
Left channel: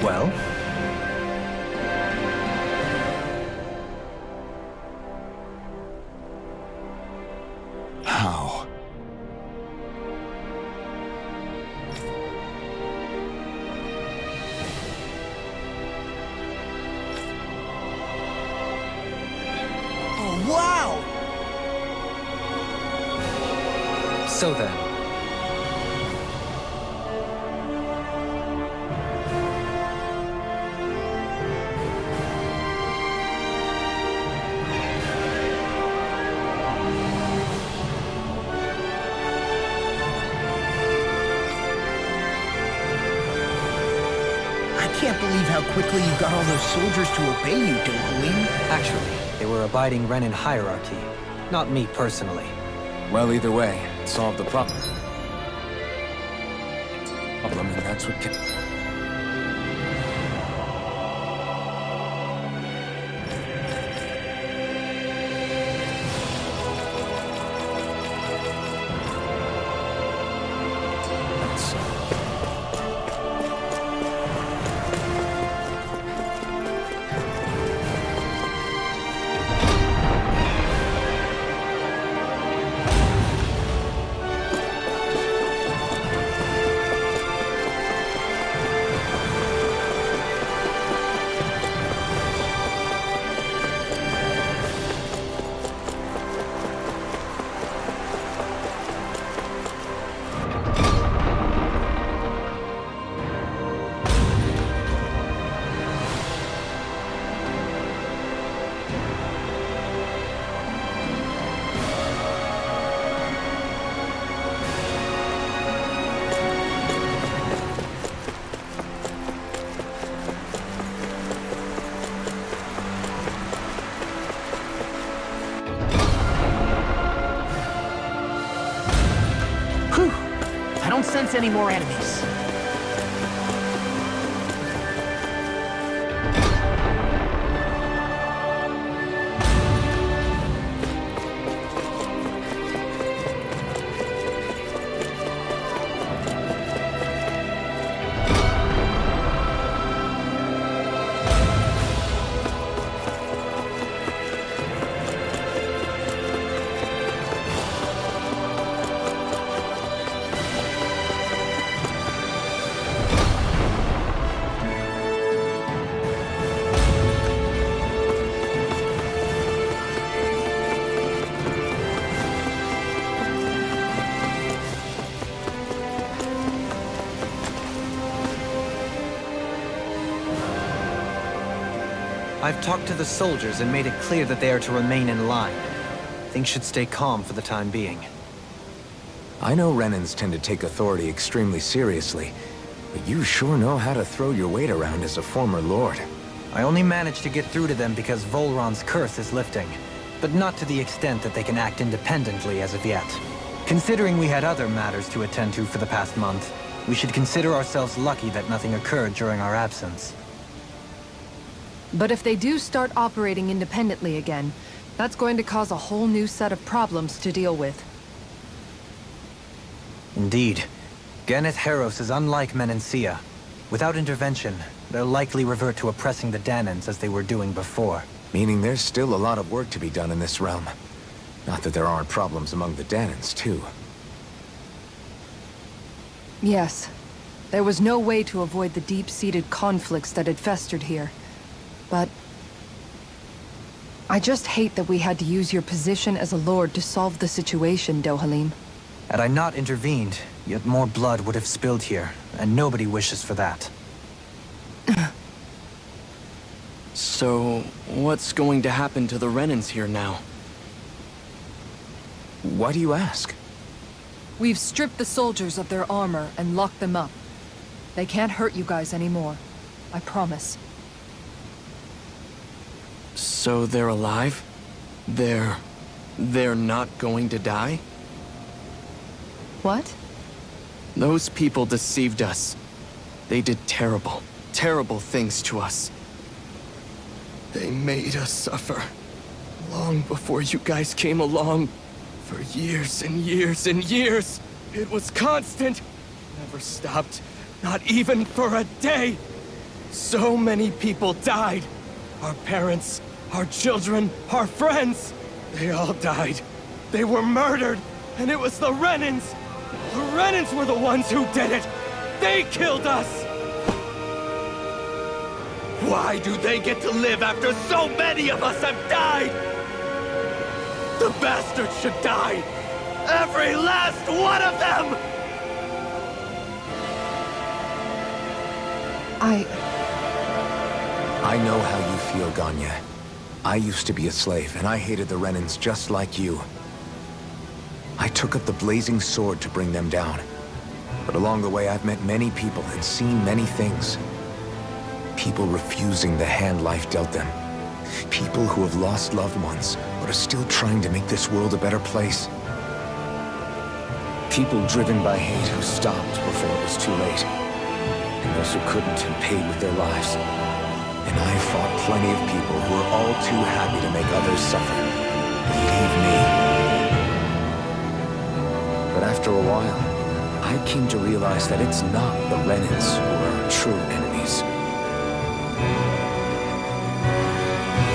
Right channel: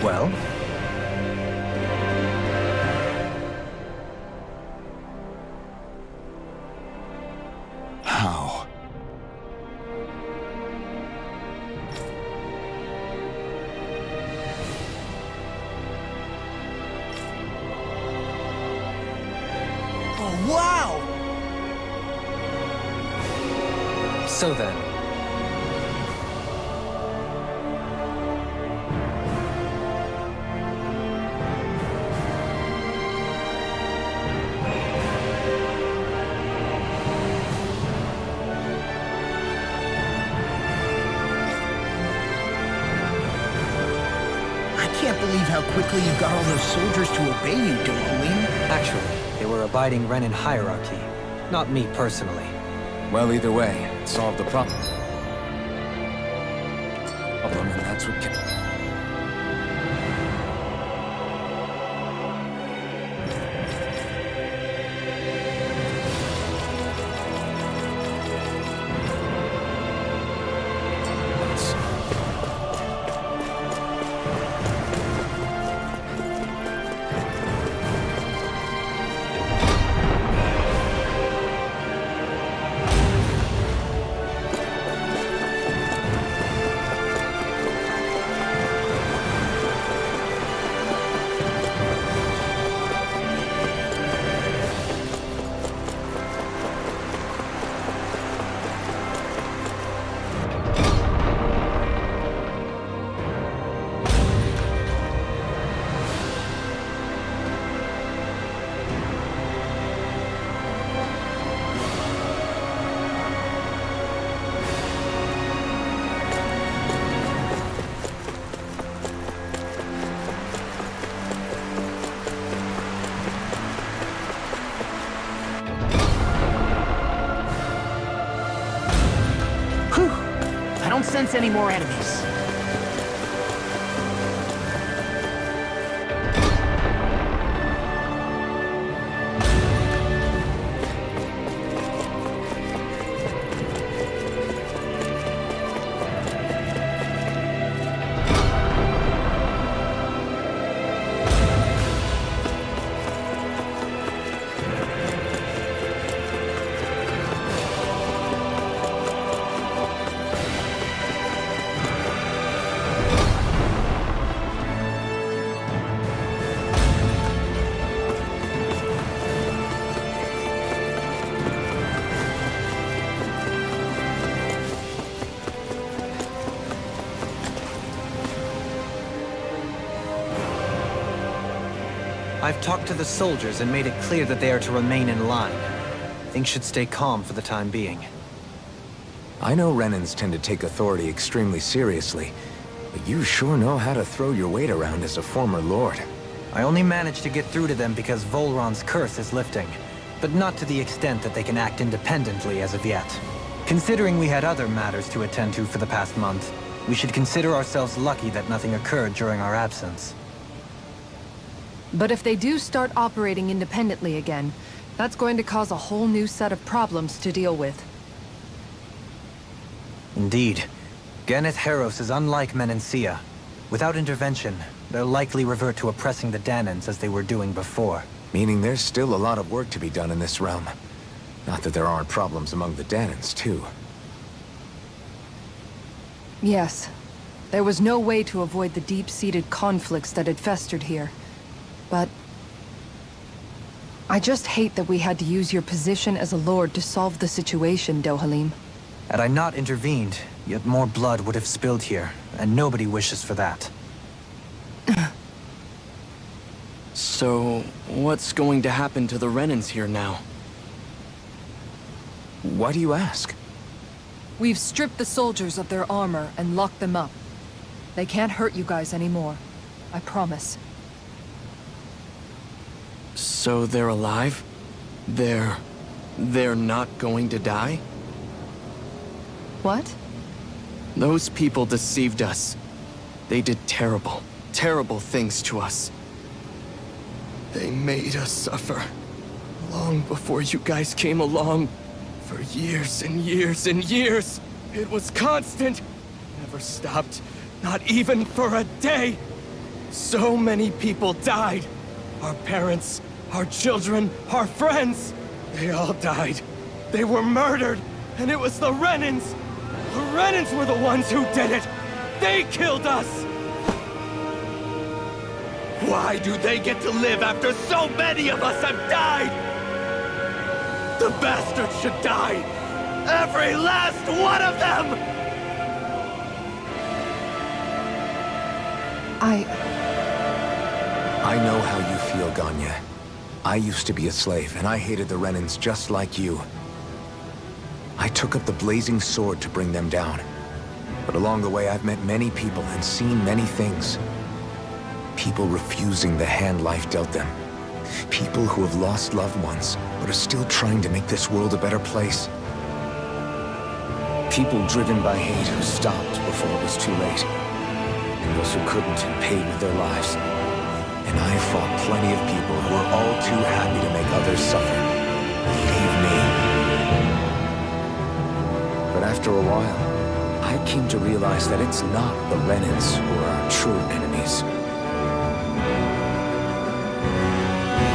Well? How? Oh, wow! So then, I can't believe how quickly you got all those soldiers to obey you, Dohalim. actually, they were abiding Renan hierarchy, not me personally. Well, either way, it solved the problem. And that's what kept... I don't sense any more enemies. I've talked to the soldiers and made it clear that they are to remain in line. Things should stay calm for the time being. I know Renans tend to take authority extremely seriously, but you sure know how to throw your weight around as a former lord. I only managed to get through to them because Volron's curse is lifting, but not to the extent that they can act independently as of yet. Considering we had other matters to attend to for the past month, we should consider ourselves lucky that nothing occurred during our absence. But if they do start operating independently again, that's going to cause a whole new set of problems to deal with. Indeed. Ganeth Heros is unlike Menancia. Without intervention, they'll likely revert to oppressing the Danans as they were doing before. Meaning there's still a lot of work to be done in this realm. Not that there aren't problems among the Danans, too. Yes. There was no way to avoid the deep-seated conflicts that had festered here. But I just hate that we had to use your position as a lord to solve the situation, Dohalim. Had I not intervened, yet more blood would have spilled here, and nobody wishes for that. So, what's going to happen to the Renans here now? Why do you ask? We've stripped the soldiers of their armor and locked them up. They can't hurt you guys anymore. I promise. So they're alive? They're not going to die? What? Those people deceived us. They did terrible, terrible things to us. They made us suffer. Long before you guys came along. For years and years and years. It was constant. Never stopped. Not even for a day. So many people died. Our parents, our children, our friends. They all died. They were murdered. And it was the Renans. The Renans were the ones who did it. They killed us. Why do they get to live after so many of us have died? The bastards should die! Every last one of them! I know how you feel, Ganya. I used to be a slave, and I hated the Renans just like you. I took up the blazing sword to bring them down. But along the way, I've met many people and seen many things. People refusing the hand life dealt them. People who have lost loved ones, but are still trying to make this world a better place. People driven by hate who stopped before it was too late. And those who couldn't and paid with their lives. And I fought plenty of people who were all too happy to make others suffer. Believe me. But after a while, I came to realize that it's not the Renans who are our true enemies.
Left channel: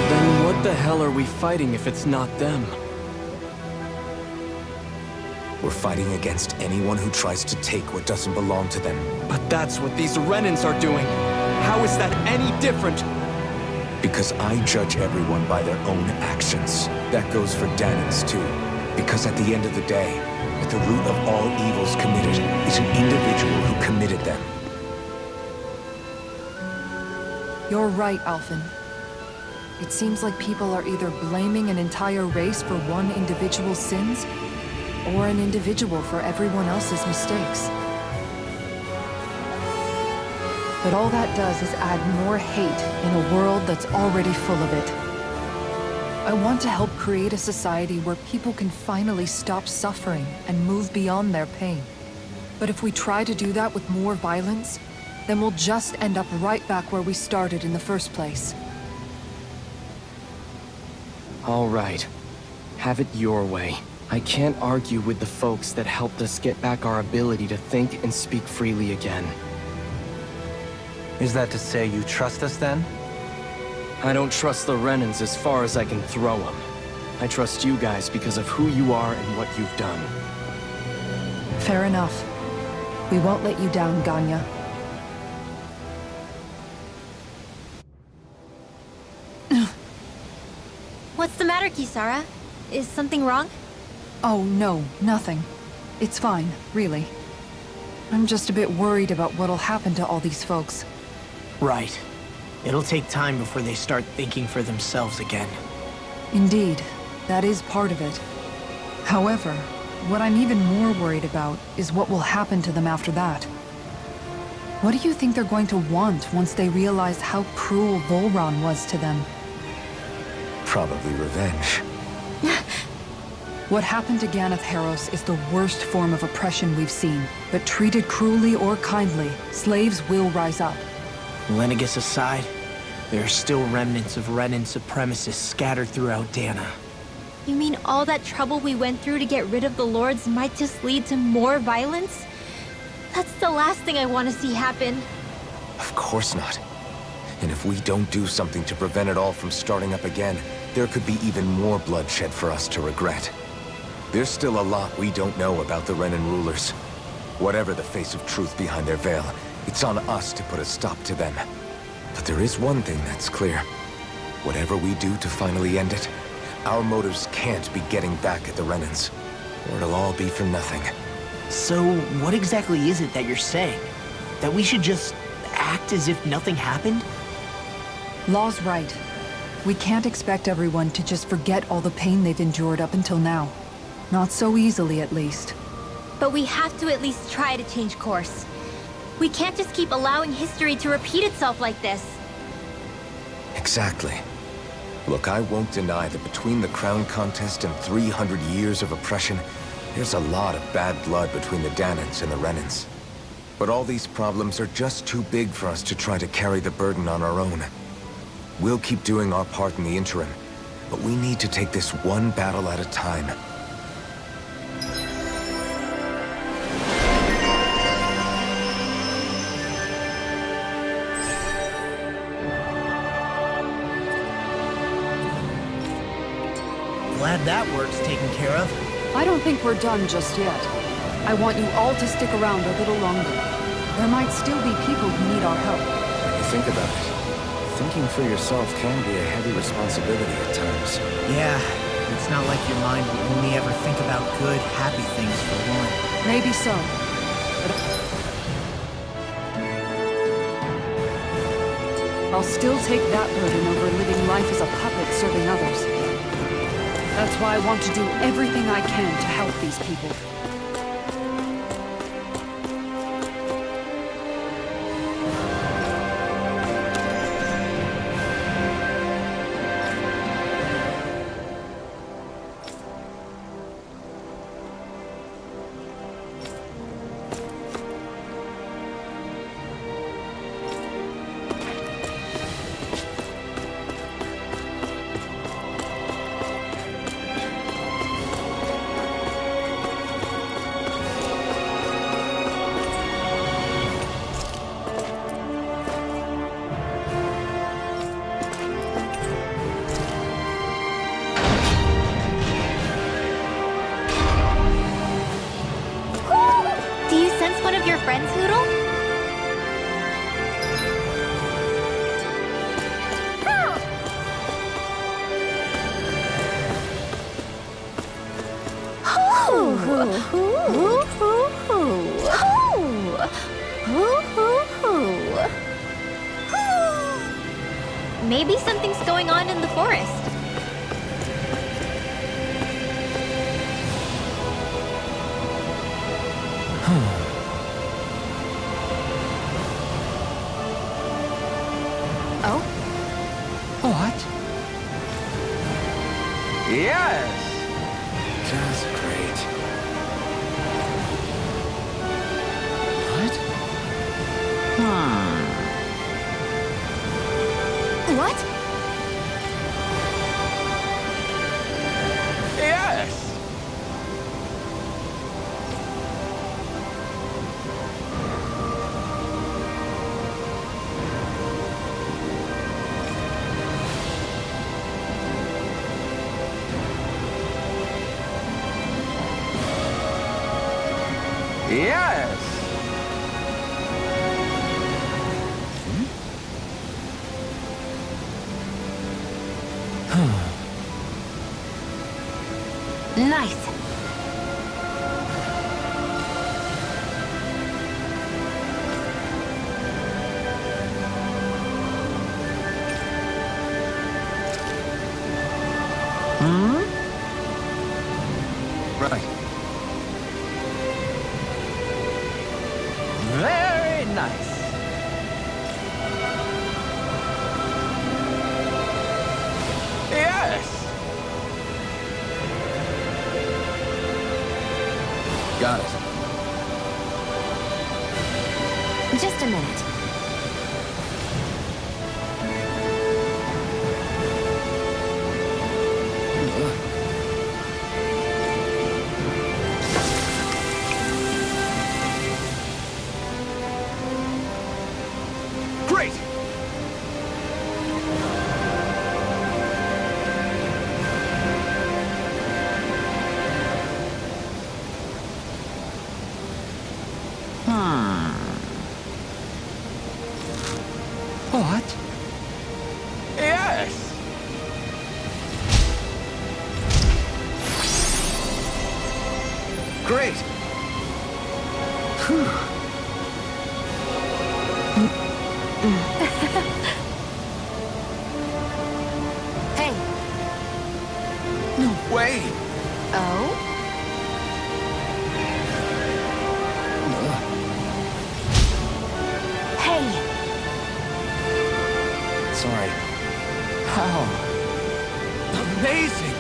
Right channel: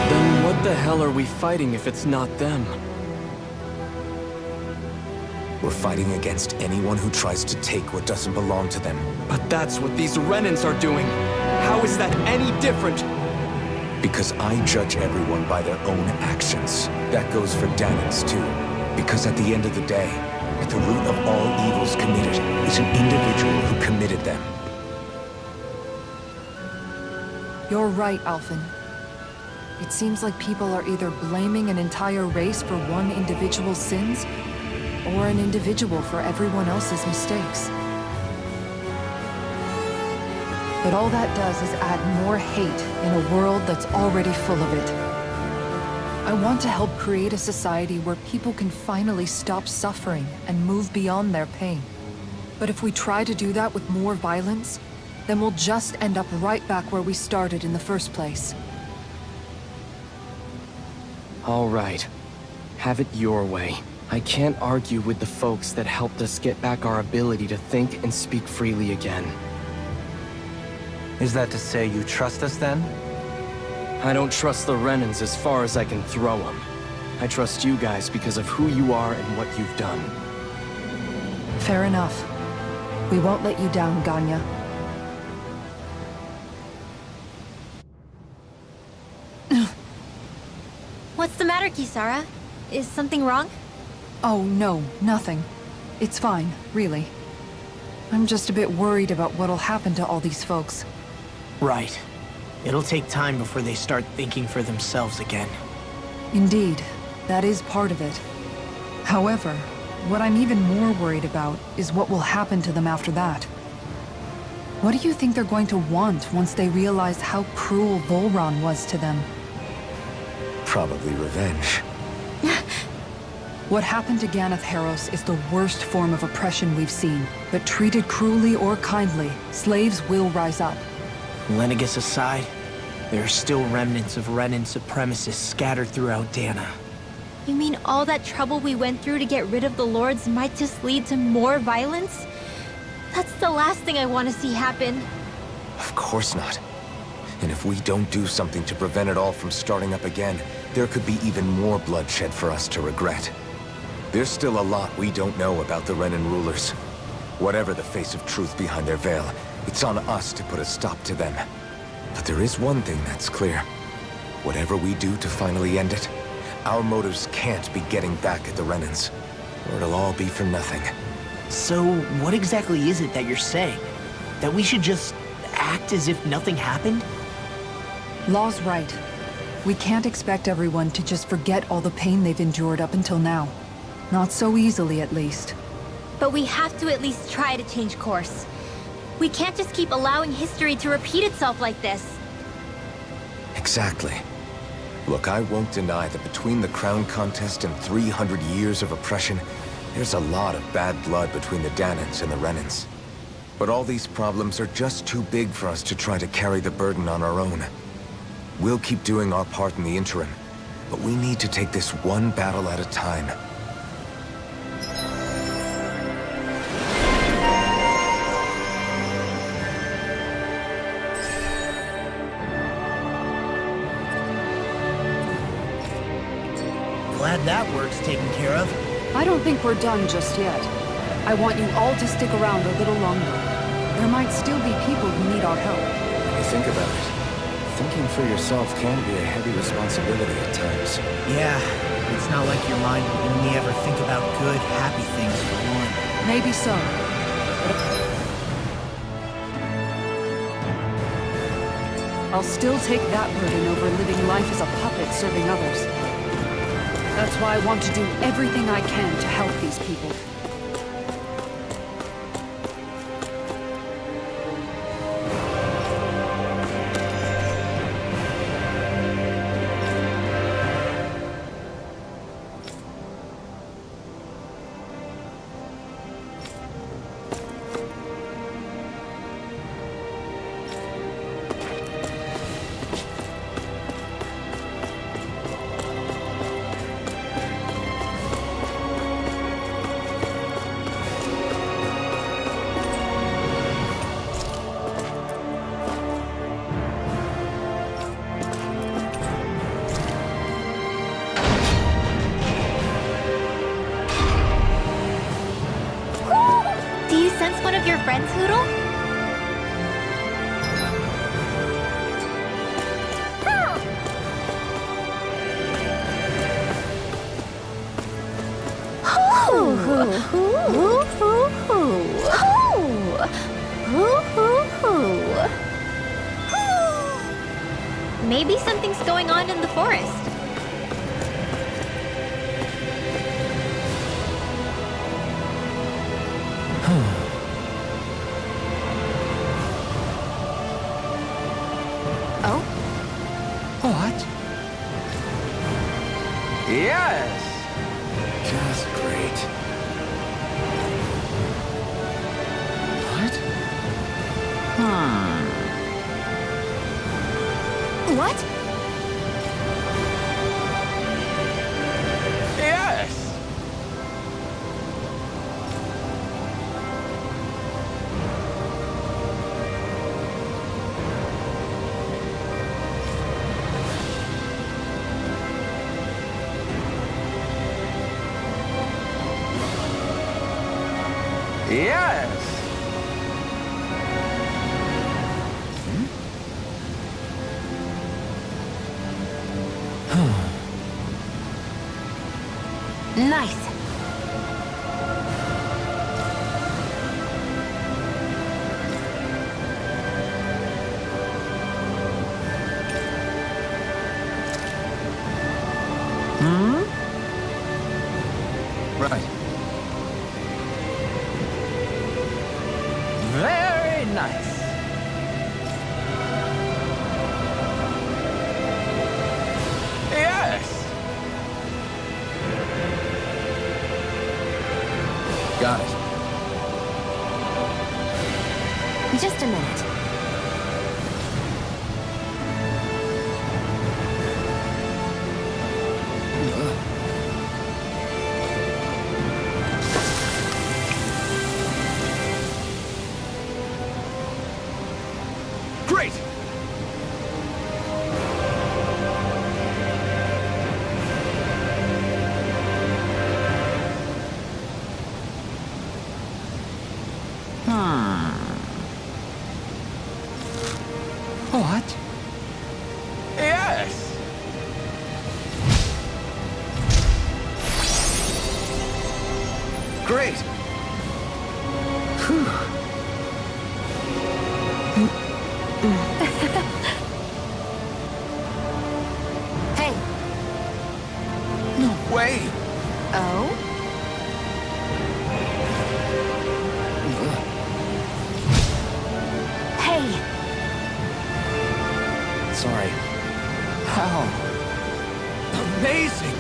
Then what the hell are we fighting if it's not them? We're fighting against anyone who tries to take what doesn't belong to them. But that's what these Renans are doing. How is that any different? Because I judge everyone by their own actions. That goes for Danans too. Because at the end of the day, at the root of all evils committed is an individual who committed them. You're right, Alphen. It seems like people are either blaming an entire race for one individual's sins, or an individual for everyone else's mistakes. But all that does is add more hate in a world that's already full of it. I want to help create a society where people can finally stop suffering and move beyond their pain. But if we try to do that with more violence, then we'll just end up right back where we started in the first place. All right. Have it your way. I can't argue with the folks that helped us get back our ability to think and speak freely again. Is that to say you trust us then? I don't trust the Renans as far as I can throw them. I trust you guys because of who you are and what you've done. Fair enough. We won't let you down, Ganya. What's the matter, Kisara? Is something wrong? Oh, no, nothing. It's fine, really. I'm just a bit worried about what'll happen to all these folks. Right. It'll take time before they start thinking for themselves again. Indeed, that is part of it. However, what I'm even more worried about is what will happen to them after that. What do you think they're going to want once they realize how cruel Volron was to them? Probably revenge. What happened to Ganeth Heros is the worst form of oppression we've seen, but treated cruelly or kindly, slaves will rise up. Lenegis aside, There are still remnants of Renan supremacists scattered throughout Dana. You mean all that trouble we went through to get rid of the Lords might just lead to more violence? That's the last thing I want to see happen. Of course not. And if we don't do something to prevent it all from starting up again, there could be even more bloodshed for us to regret. There's still a lot we don't know about the Renan rulers. Whatever the face of truth behind their veil, it's on us to put a stop to them. But there is one thing that's clear. Whatever we do to finally end it, our motives can't be getting back at the Renans, or it'll all be for nothing. So, what exactly is it that you're saying? That we should just act as if nothing happened? Law's right. We can't expect everyone to just forget all the pain they've endured up until now. Not so easily, at least. But we have to at least try to change course. We can't just keep allowing history to repeat itself like this. Exactly. Look, I won't deny that between the crown contest and 300 years of oppression, there's a lot of bad blood between the Danans and the Renans. But all these problems are just too big for us to try to carry the burden on our own. We'll keep doing our part in the interim, but we need to take this one battle at a time. Glad that work's taken care of. I don't think we're done just yet. I want you all to stick around a little longer. There might still be people who need our help. When you think about it, thinking for yourself can be a heavy responsibility at times. Yeah, it's not like your mind will only ever think about good, happy things for one. Maybe so. I'll still take that burden over living life as a puppet serving others. That's why I want to do everything I can to help these people. Do you sense one of your friends, Hootle? Maybe something's going on in the forest. Oh? What? Yes! Just great. What? What? Yes! Yes! Nice. Right. Very nice. Yes! Got it. Just a minute. What? Yes! Great! Hey. No way! Oh? Hey. Sorry. How? Amazing!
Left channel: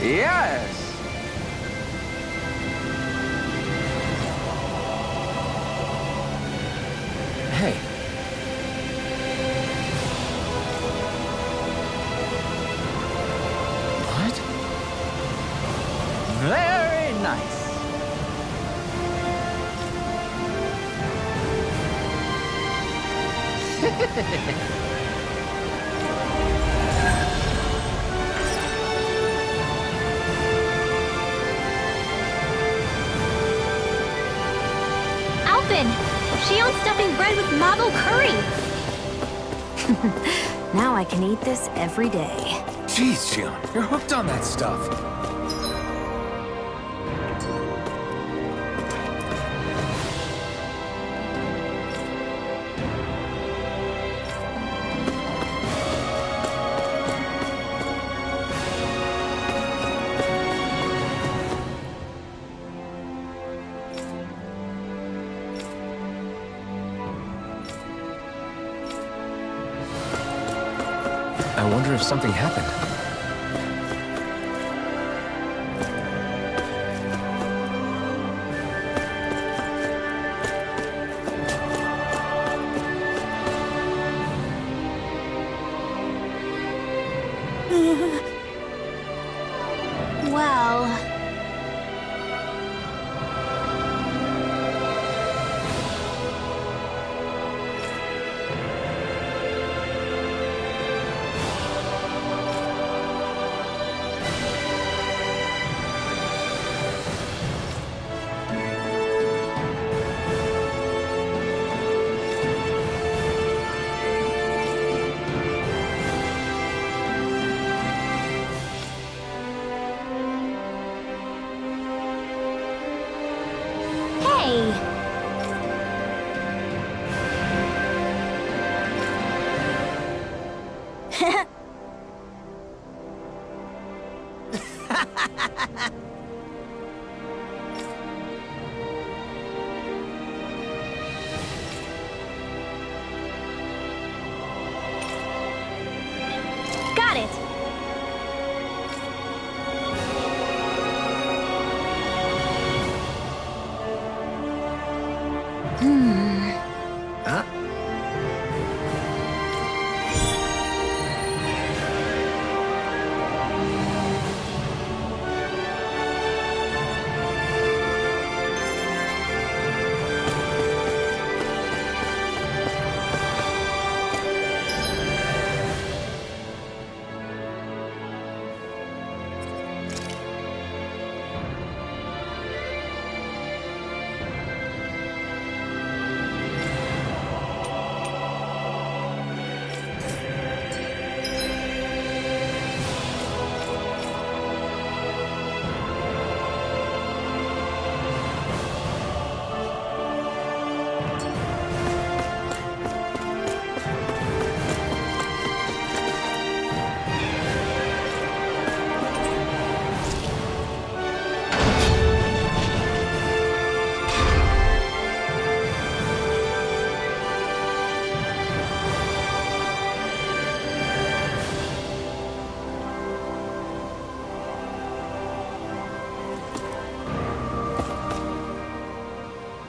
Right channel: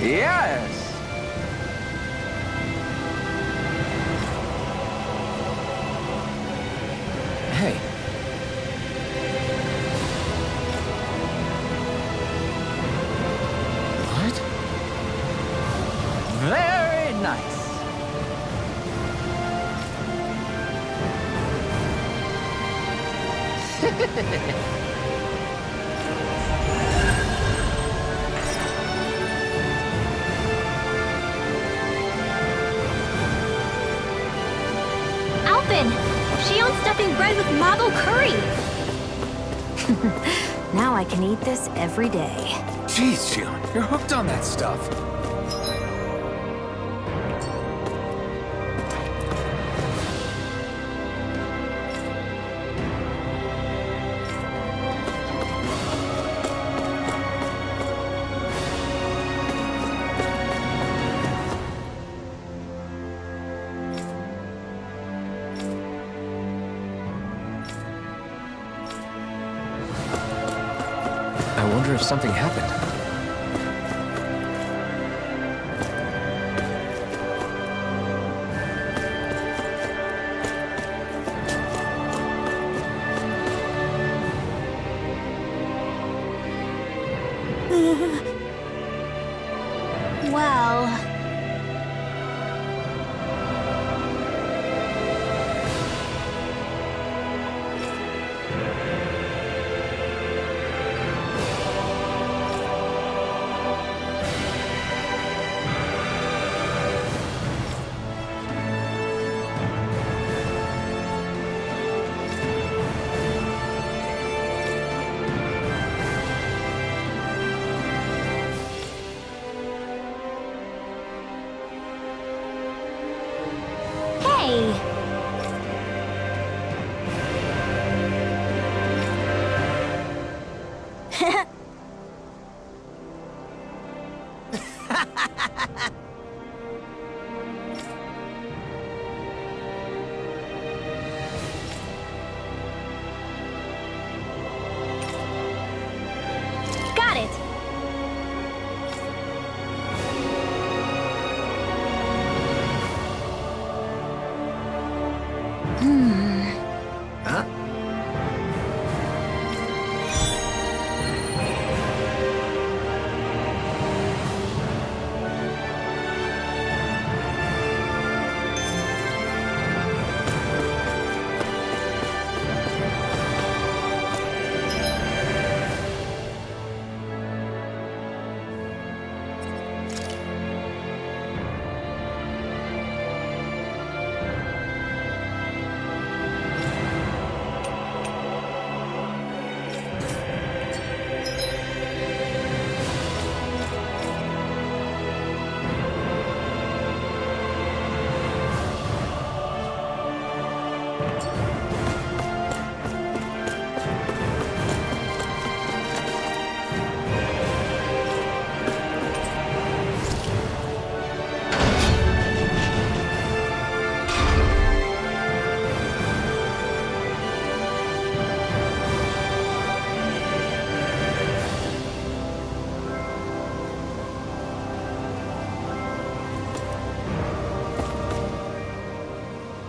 Yes! Hey. What? Very nice. Alpin! Shion's stuffing bread with marble curry! Now I can eat this every day. Jeez, Shion, you're hooked on that stuff. I wonder if something happened. Well... Hey! Got it! Huh?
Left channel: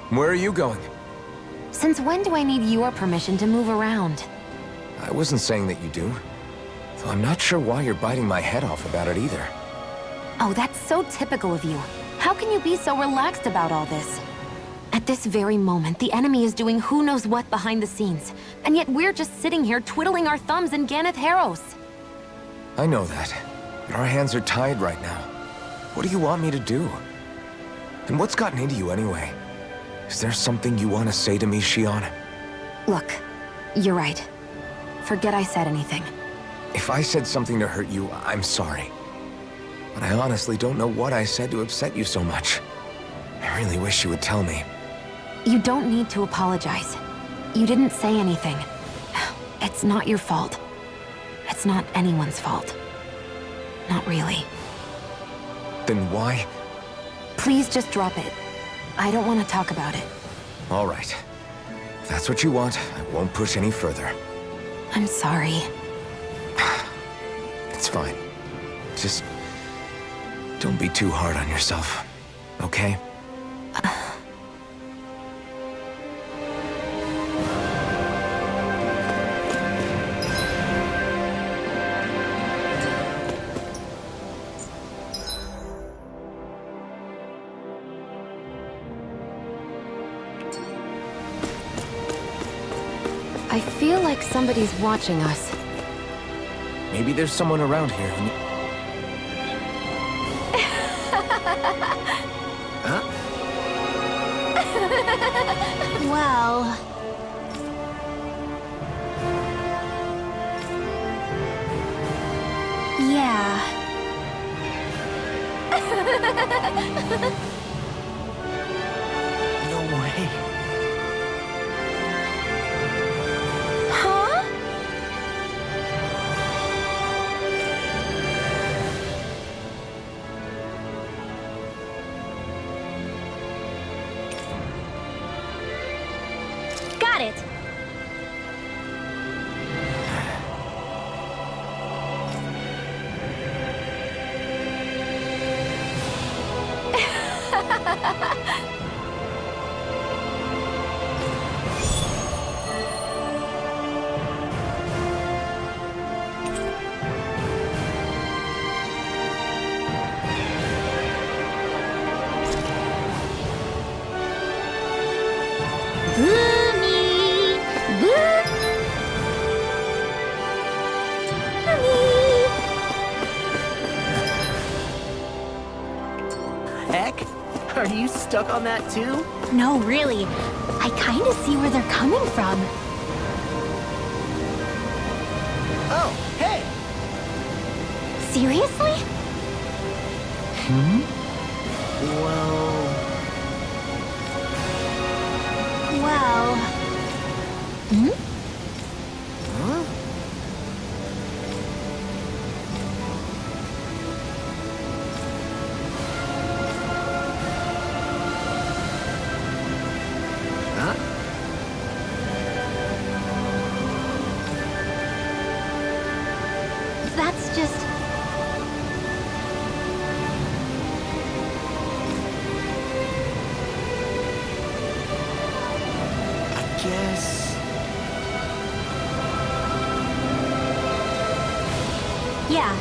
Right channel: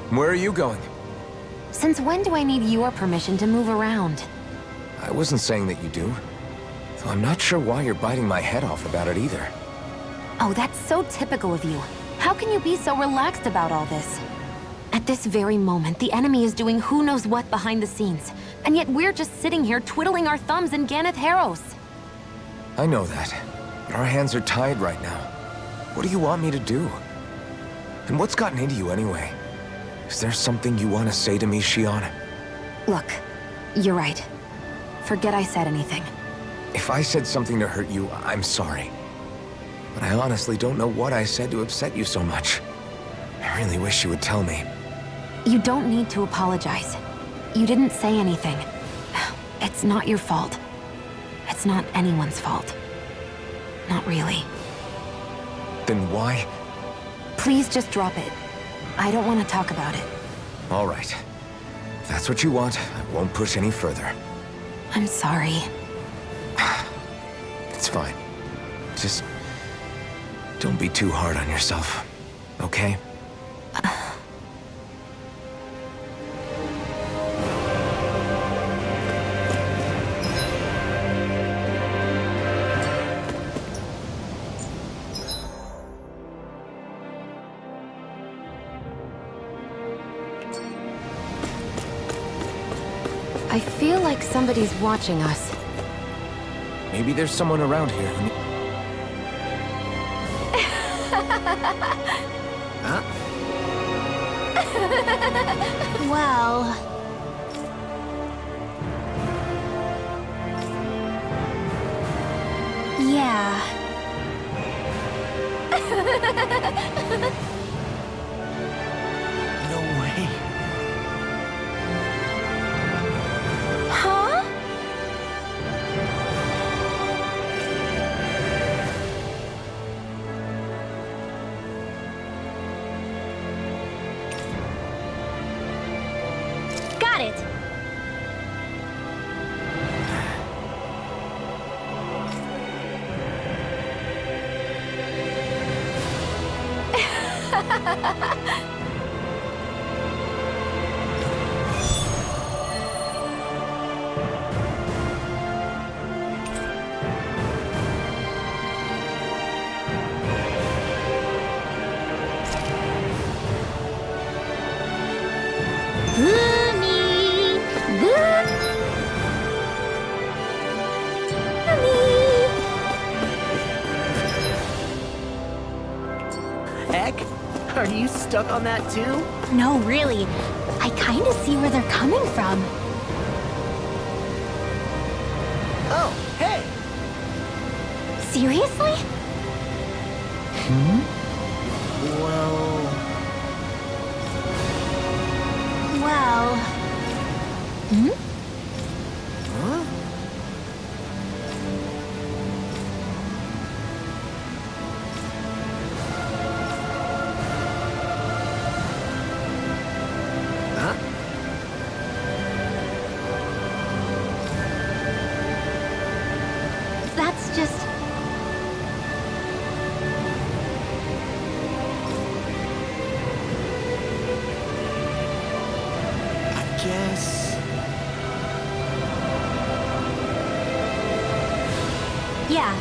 Where are you going? Since when do I need your permission to move around? I wasn't saying that you do. Though I'm not sure why you're biting my head off about it either. Oh, that's so typical of you. How can you be so relaxed about all this? At this very moment, the enemy is doing who knows what behind the scenes. And yet we're just sitting here twiddling our thumbs in Ganeth Haros. I know that. Our hands are tied right now. What do you want me to do? And what's gotten into you anyway? Is there something you want to say to me, Shion? Look, you're right. Forget I said anything. If I said something to hurt you, I'm sorry. But I honestly don't know what I said to upset you so much. I really wish you would tell me. You don't need to apologize. You didn't say anything. It's not your fault. It's not anyone's fault. Not really. Then why? Please just drop it. I don't want to talk about it. All right. If that's what you want, I won't push any further. I'm sorry. It's fine. Just don't be too hard on yourself, okay? I feel like somebody's watching us. Maybe there's someone around here who... Huh? Well... Yeah. No way. Huh? Got it. Boomy! Heck? Are you stuck on that too? No, really. I kinda see where they're coming from. Oh, hey! Seriously? Well... Well... Hmm? Huh? Huh? That's just... I guess... Yeah.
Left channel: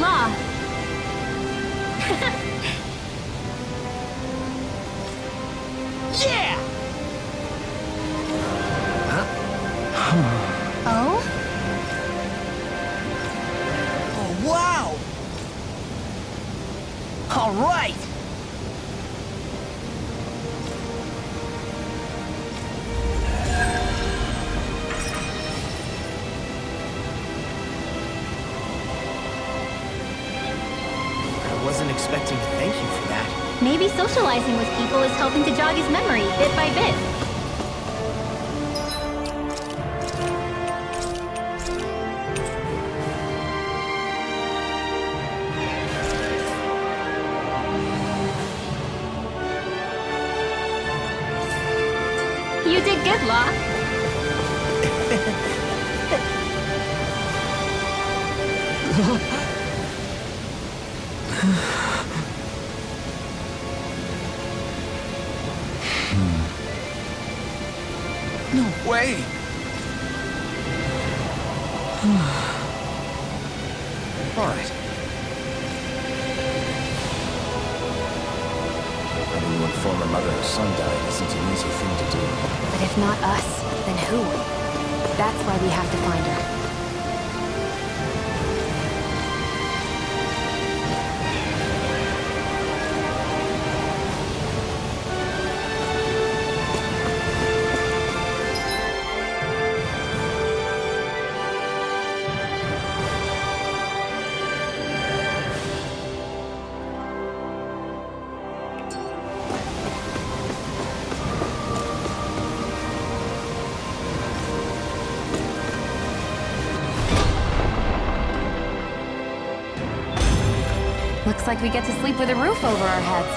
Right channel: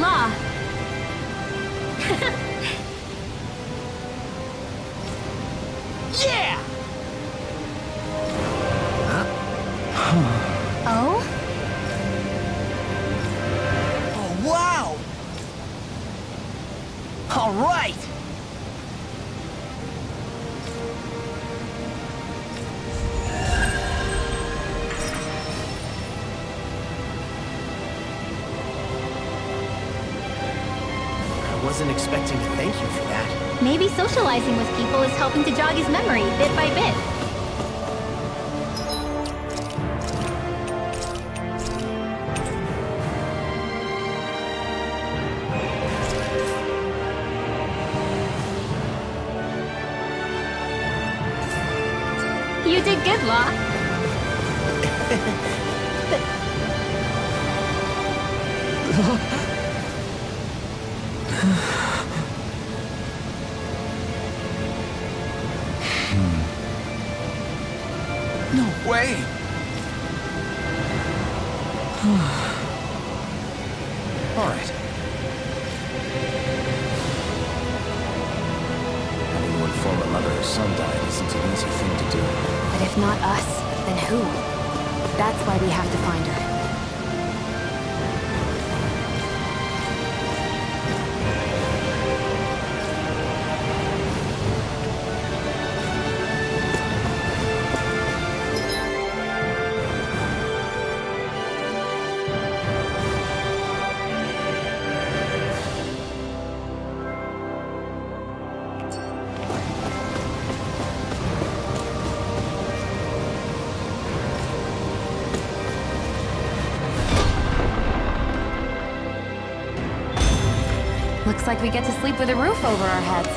Law. Yeah! Huh? Oh? Oh, wow! All right! I wasn't expecting to thank you for that. Maybe socializing with people is helping to jog his memory bit by bit. You did good, Law. No way! All right. Having to inform a mother her son died isn't an easy thing to do. But if not us, then who? That's why we have to find her. Looks like we get to sleep with a roof over our heads.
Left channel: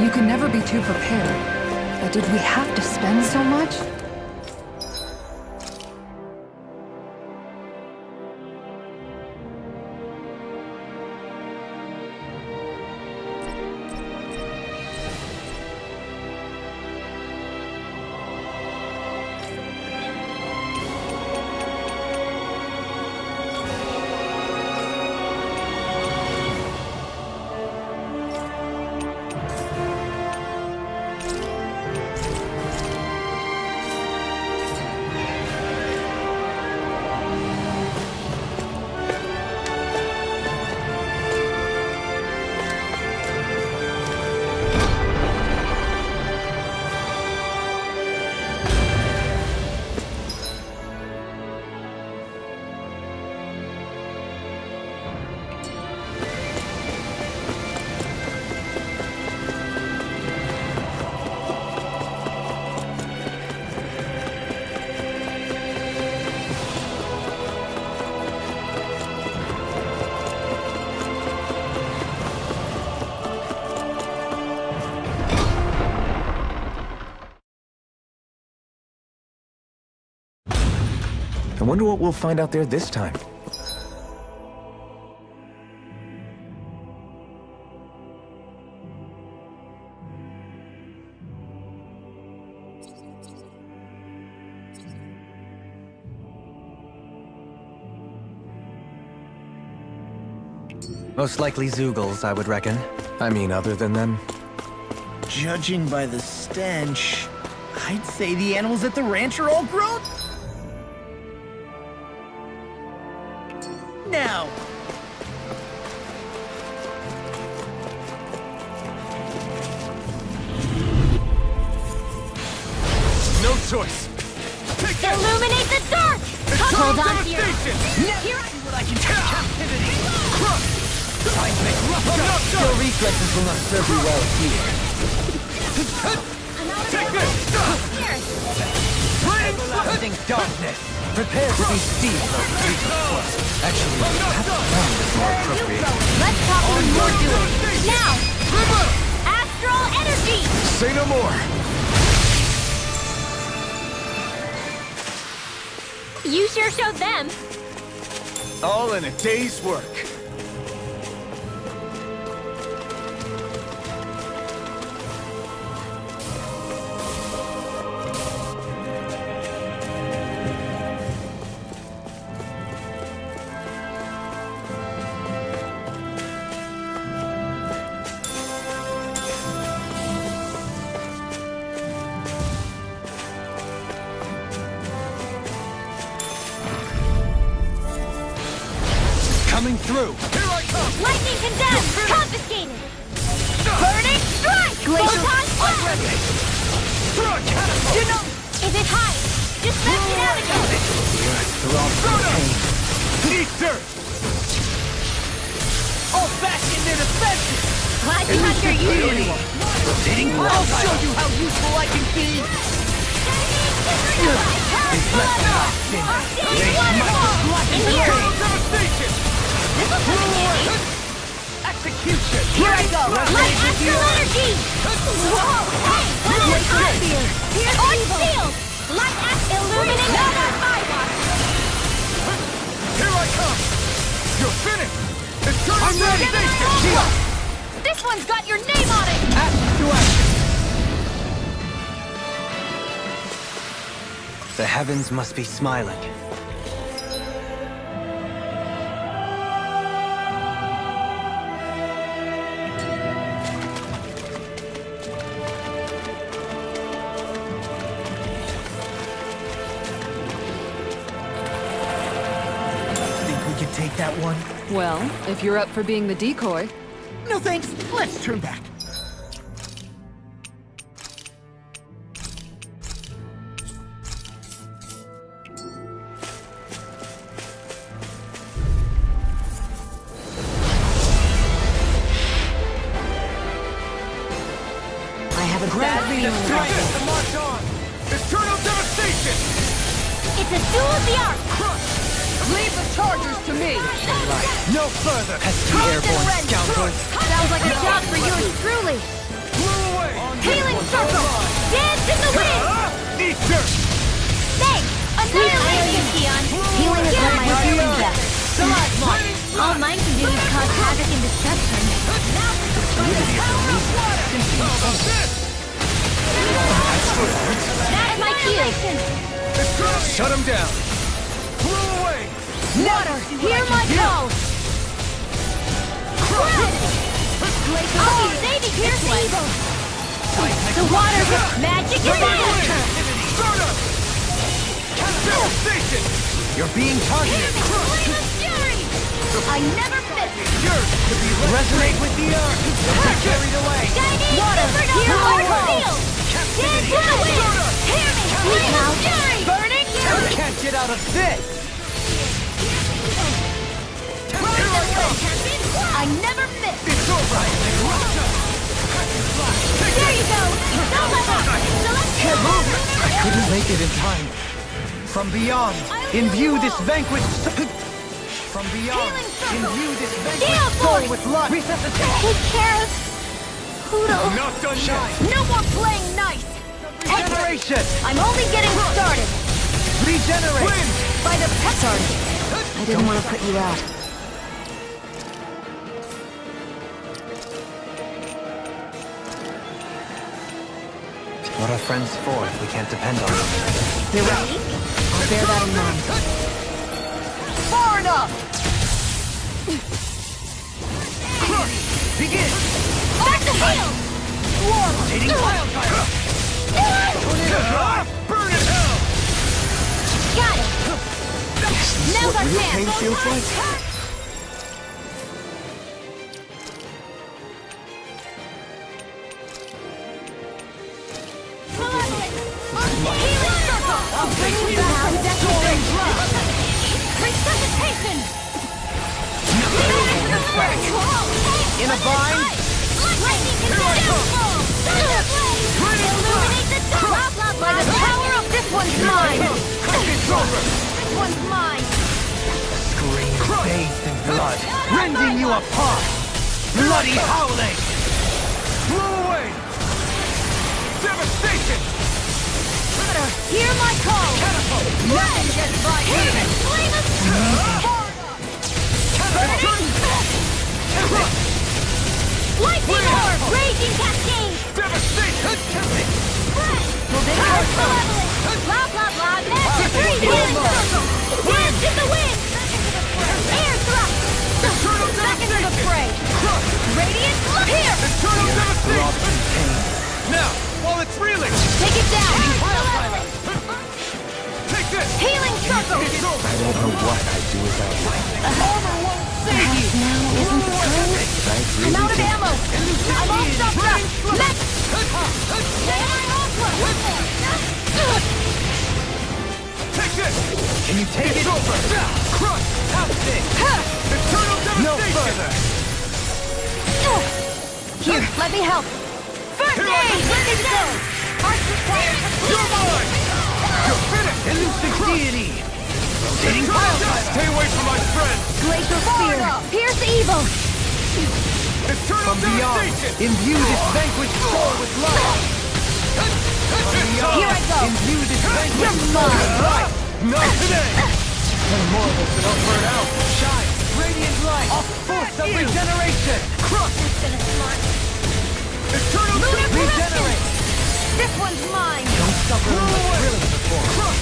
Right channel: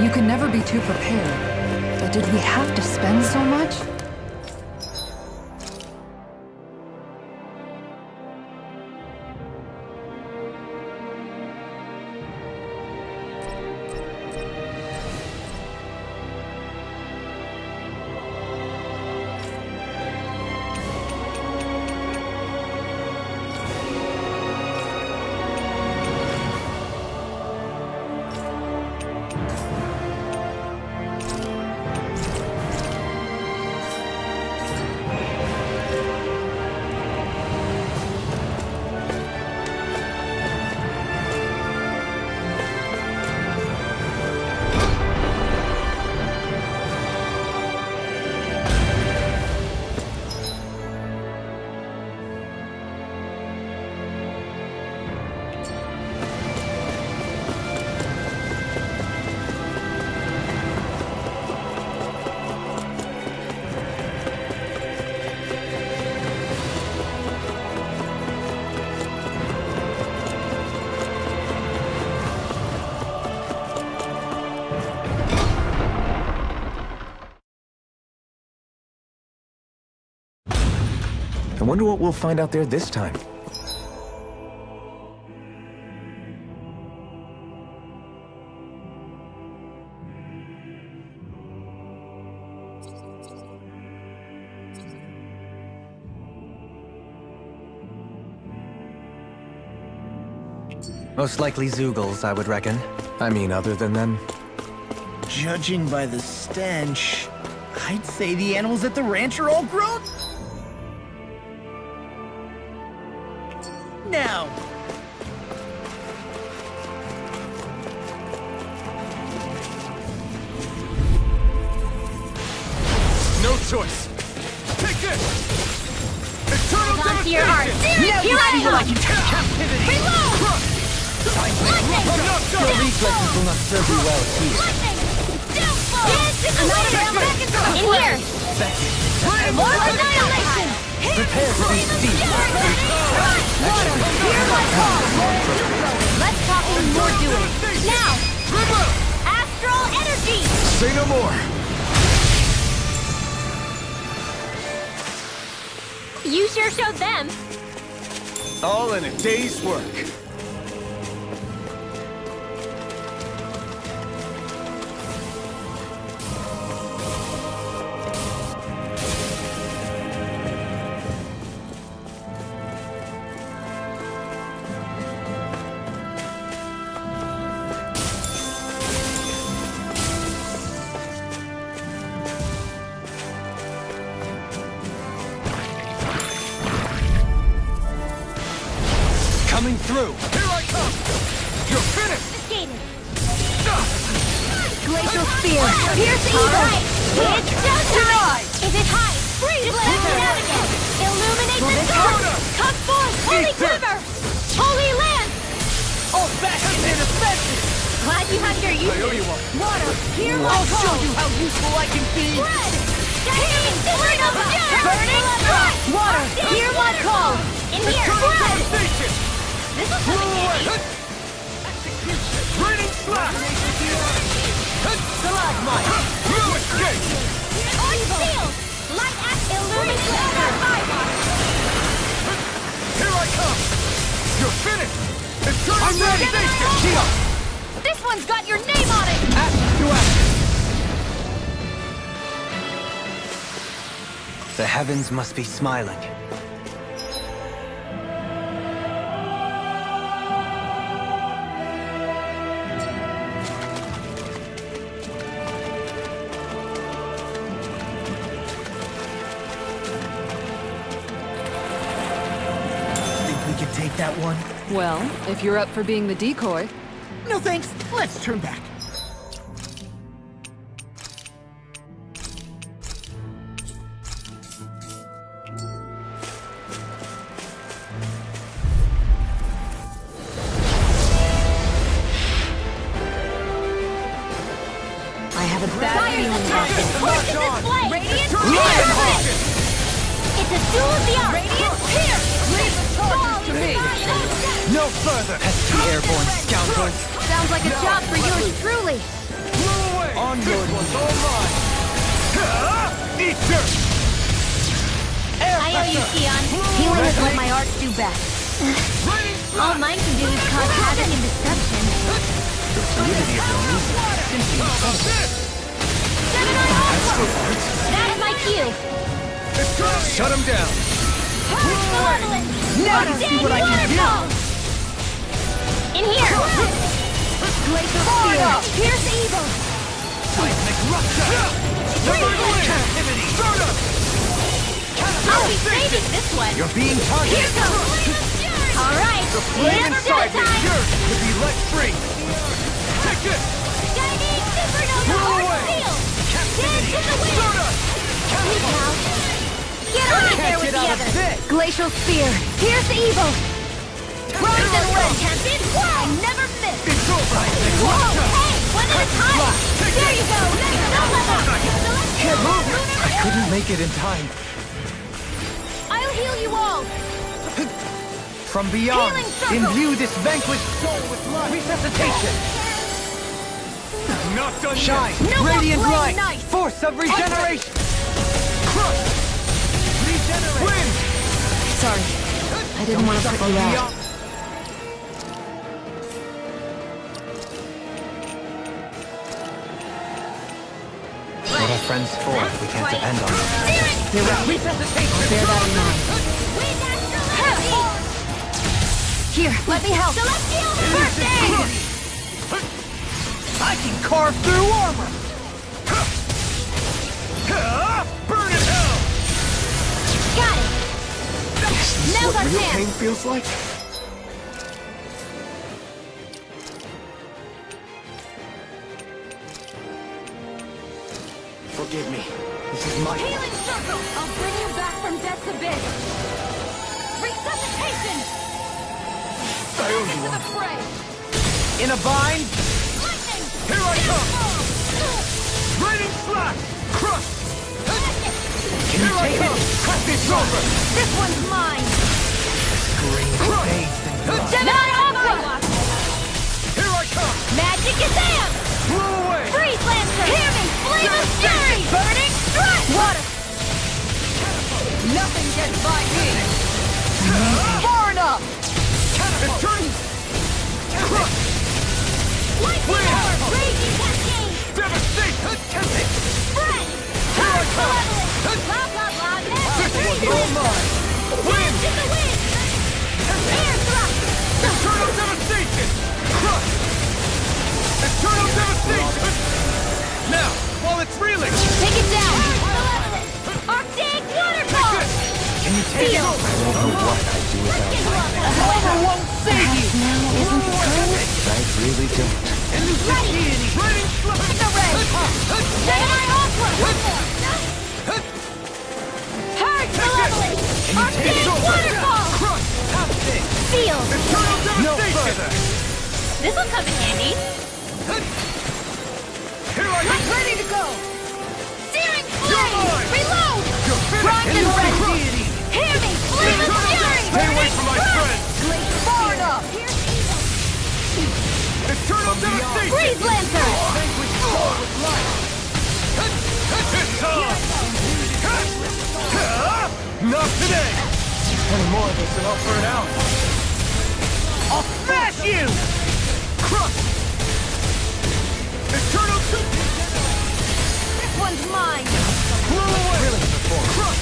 You can never be too prepared. But did we have to spend so much? I wonder what we'll find out there this time. Most likely Zeugles, I would reckon. I mean, other than them? Judging by the stench, I'd say the animals at the ranch are all grown. Now. No choice! Take this! Illuminate the dark! It's Hold total on to your heart! devastation! Here I See what I can take captivity. Your reflexes will not serve you well here. In here! Prepare to be seized. Actually, pound is more appropriate. Let's talk even more doing. Now! Astral energy! Say no more! You sure showed them. All in a day's work. Coming through! Here I come! Lightning condemned! You're finished! Confiscated! Burning strike! Glacial spear. Here's the evil! Denied! Is it high? Just smash it out again! Illuminate the storm! Come forth! Holy Ether! quiver! Holy land! Old fashioned and offensive! Glad you had your unity! I'll show you how useful I can be! Shining supernova! Burning strike! Here waterfall! In here! Eternal devastation! This will come in handy! Execution! Ready! Light astral energy! You escape! Arch shield! Light astral illuminate our fire! Here I come! You're finished! Eternal devastation! Shield! This one's got your name on it! Action to action! The heavens must be smiling. Think we can take that one? Well, if you're up for being the decoy. No thanks. Let's turn back. I have a bad feeling about this. March on! Eternal devastation! It's a duel of the arts! Leave the charges to me! No further! Pesky airborne scoundrels! Sounds like a job for yours truly! Blew away! Onward was all mine! Dance in the wind! Ether! I owe you, Sion. Healing is what my arts do best. All mine can do is cause havoc and destruction. That's my cue! Shut him down! Blew away! Water! See what I can do! In here! Glacial spear! Pierce evil! Magic fire! Stardust! Devastation! You're being targeted! Alright, I never Inside me! miss a Yours to be let free! With the earth! Take it! Shining supernova! Arc shield! Dance in the wind! Please now! Burning! Get on it! Can't get out of this! Glacial spear! Pierce evil! Rise and win, champion! I never miss! It's over! There you go! Don't let up! Celestial! I couldn't make it in time. From beyond, I'll heal imbue you this all. vanquished... From beyond, Healing circle. imbue this vanquished Shield soul voice. with life. Resuscitation. Take care of Pluto. Not done Shine. yet! No more Radiant playing light. nice. Force of regeneration. I'm only getting started. Regenerate. Win! Sorry. I didn't want to put you out. What are friends for if we can't depend on them? You're right. I'll bear that in mind. Far enough. Here, let me help. Celestial first aid. Back to fight. Carve through armor! Burn in hell! Got it. Now's our Real chance. pain feels like? Forgive me. This is my... Healing circle. I'll bring you back from death within. Resuscitation. Into the fray. In a bind? Here I come! Raining blast! Crush! By the power of this one's Here I mine. come! Crush it's over! This one's mine. Scream bathed in blood. Not on my one. Here I come! Magic is there. Blew away! Freeze lancer. Devastation! Burning strike. Water. Hear my call. Nothing gets by me. Far enough. Crush! Lightning orb. Raging cascade. Devastation! Spread. Power malevolent. Blah blah blah. Magic freeze lancer. Dance in the wind. Air thrust. Eternal devastation! Crush! Radiant here. Eternal devastation! Now, while it's reeling! Take it down. Malevolent. Arctic counterpart. Take this. Healing circle. It's over! don't know what I'd do without you. Armor won't save you! Now isn't the time? I really don't. Can you take it over? Crush! Have it! Eternal devastation! No further! This looks okay. Here, let me help. Here I am! Ready to go! Steering You're mine! Reload! You're finished! Elusive deity! Hear me! Stay away from my friend! Glacier Spear! Pierce evil! Eternal devastation! Imbue its vanquished soul with life! Here I go! Imbue this vanquished soul! Not today! 10 more of us and I'll burn out! I'll smash you! Crush! Eternal regenerate! This one's mine! Blow away! Crush!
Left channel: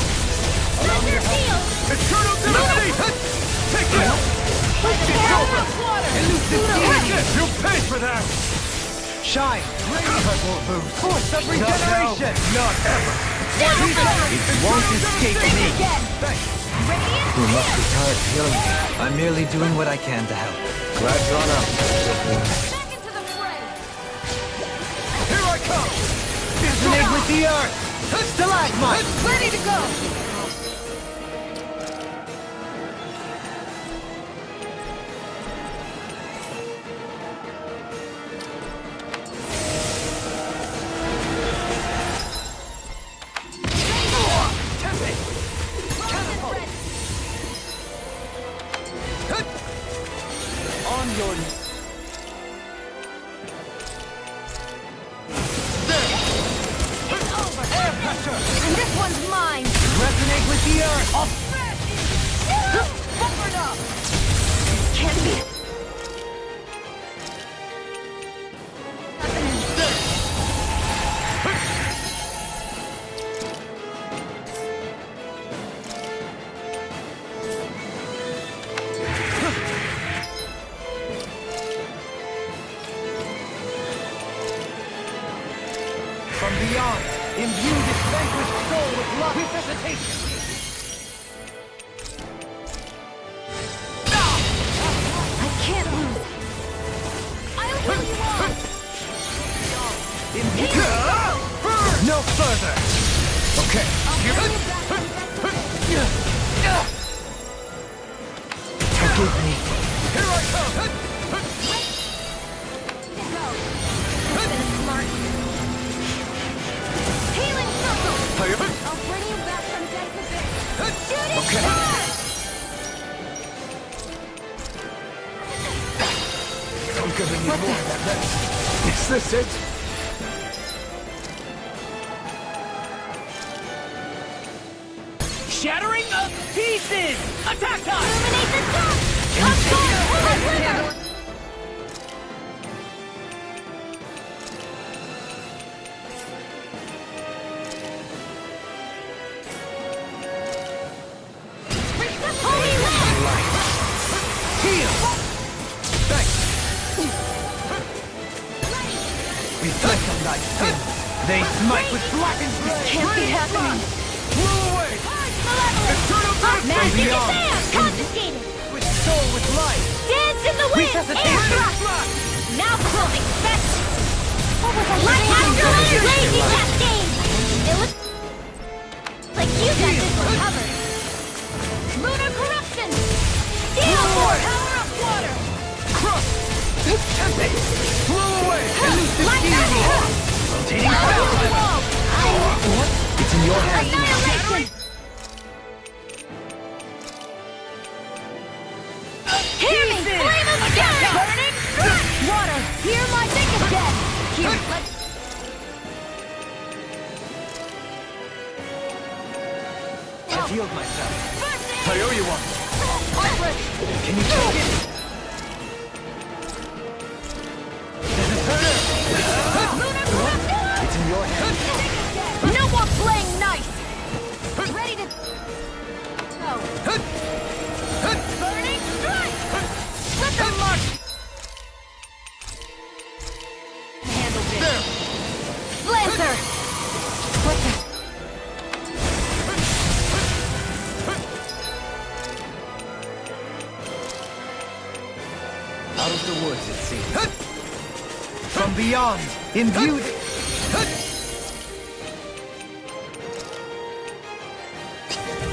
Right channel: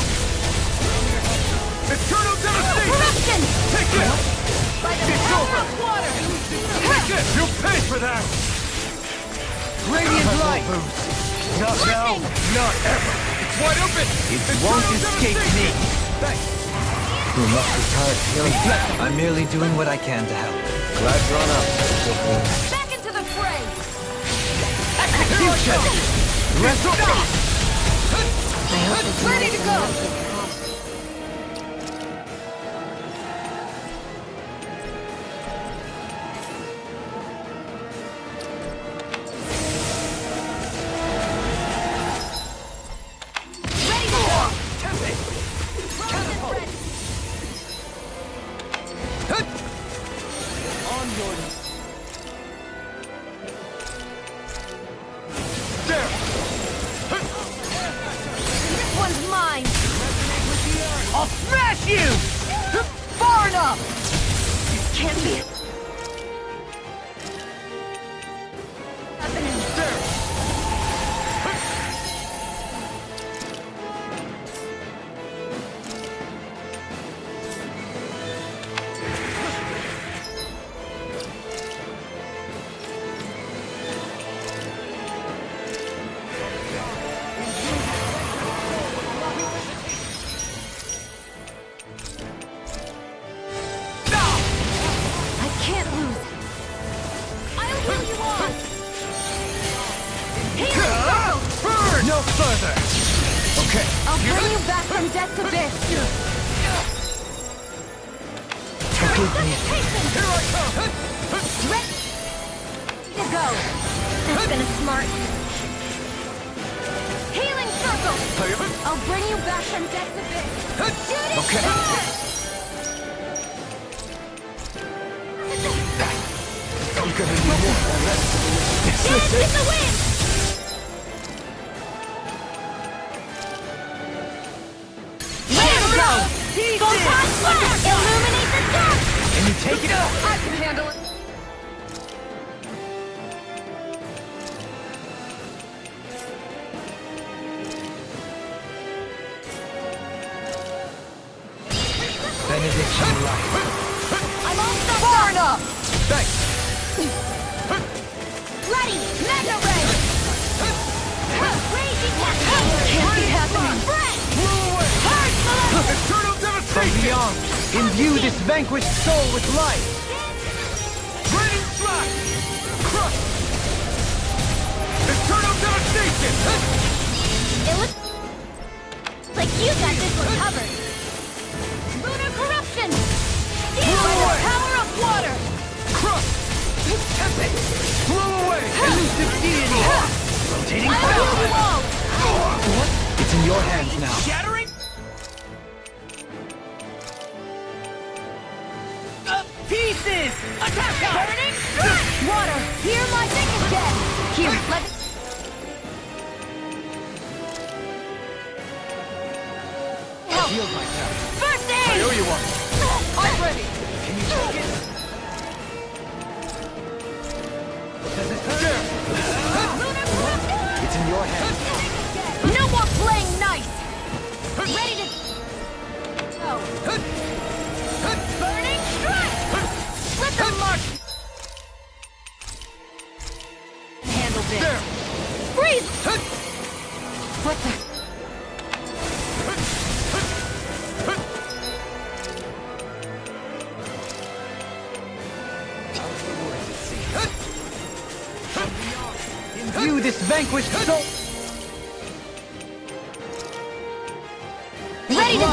Eternal devastation! Take it! It's over! Take it! You'll pay for that! Shine! Radiant light! Not now, not ever! It's wide open! It won't escape me! Thanks! You must be tired of healing me. I'm merely doing what I can to help. Glad you're on up. Back into the fray! Here I come! Resonate with the earth! Ready to go! On your... This one's mine! Resonate with the earth! I'll smash you! Far enough! This can't be... happening. From beyond, imbue this vanquished soul with love resuscitation! I can't lose. I'll heal you all! Burn! No further! Okay. I'll bring you back from death to this! Forgive me. Here I come! To go! That's been a smart... Healing circle! I'll bring you back from death to this! Shooting Okay. star! I'm gonna need more of that medicine. Is this it? The wind! Shatter it up! Pieces! Attack! Illuminate the dark! Can you take it up? I can handle it! Benediction light. Far enough! Thanks! Ready! They smite with blackened blade! Can't be happening! Blew away! Eternal devastation! From beyond, imbue this vanquished soul with life! Dance in the wind! Radiant flash! Now crush! Eternal devastation! It looks like you got this one covered. Lunar corruption! Deal away! power of water! Crush! Tempest! Blow away! Elusive deity! Rotating fire! It's in your hands now. Shattering! Pieces! Attack! Burning! Water! Hear my thing is dead! Here, let... I've healed myself. First I aid! owe you one. I'm ready! Can you take it? Does it hurt? Lunar corruption! It's in your hands. No more playing nice! Ready to... go! Burning strike! Let them march! Handle this! Freeze Lancer! What the... out of the woods, it seems. From beyond, imbue this vanquished soul. Ready to go!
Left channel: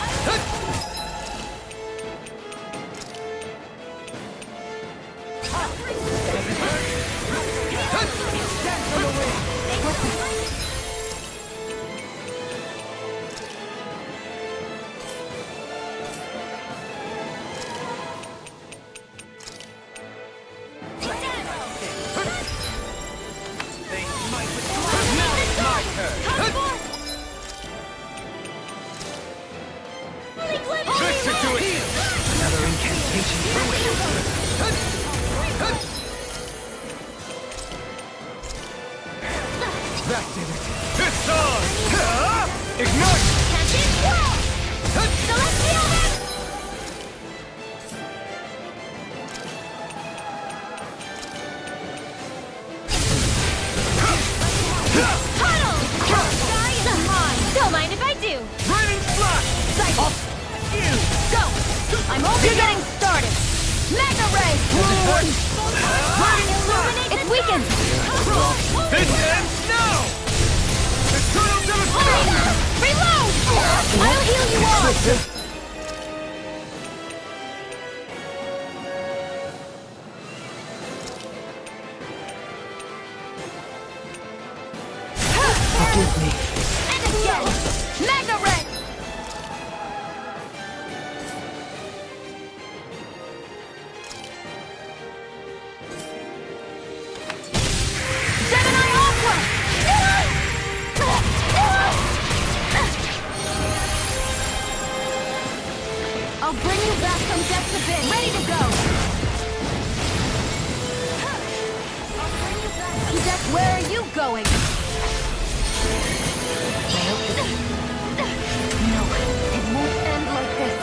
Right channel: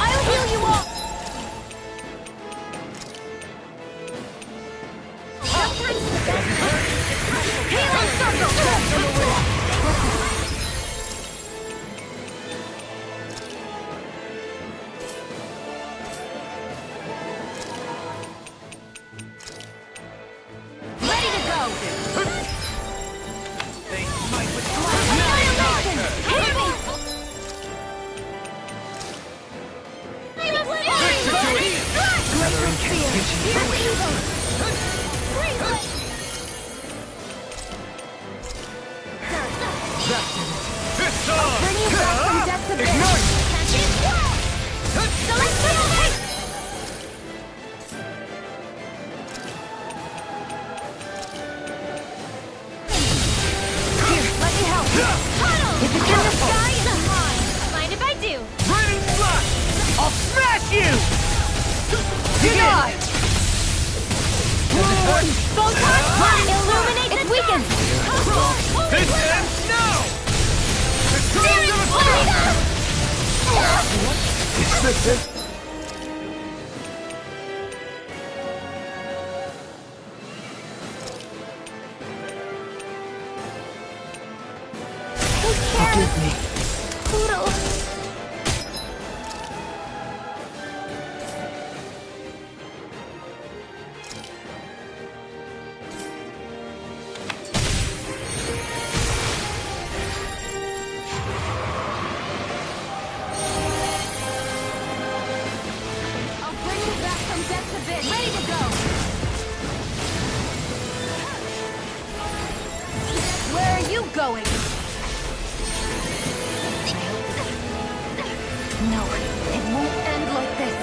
I'll heal you all! It's on! Ignite! Don't mind if I do. Raining flash! I'll smash you! Illuminate It's weakened! This ends now! The tools of a Forgive me. I'll bring you back from depths abyss. Ready to go. Where are you going? No, it won't end like this.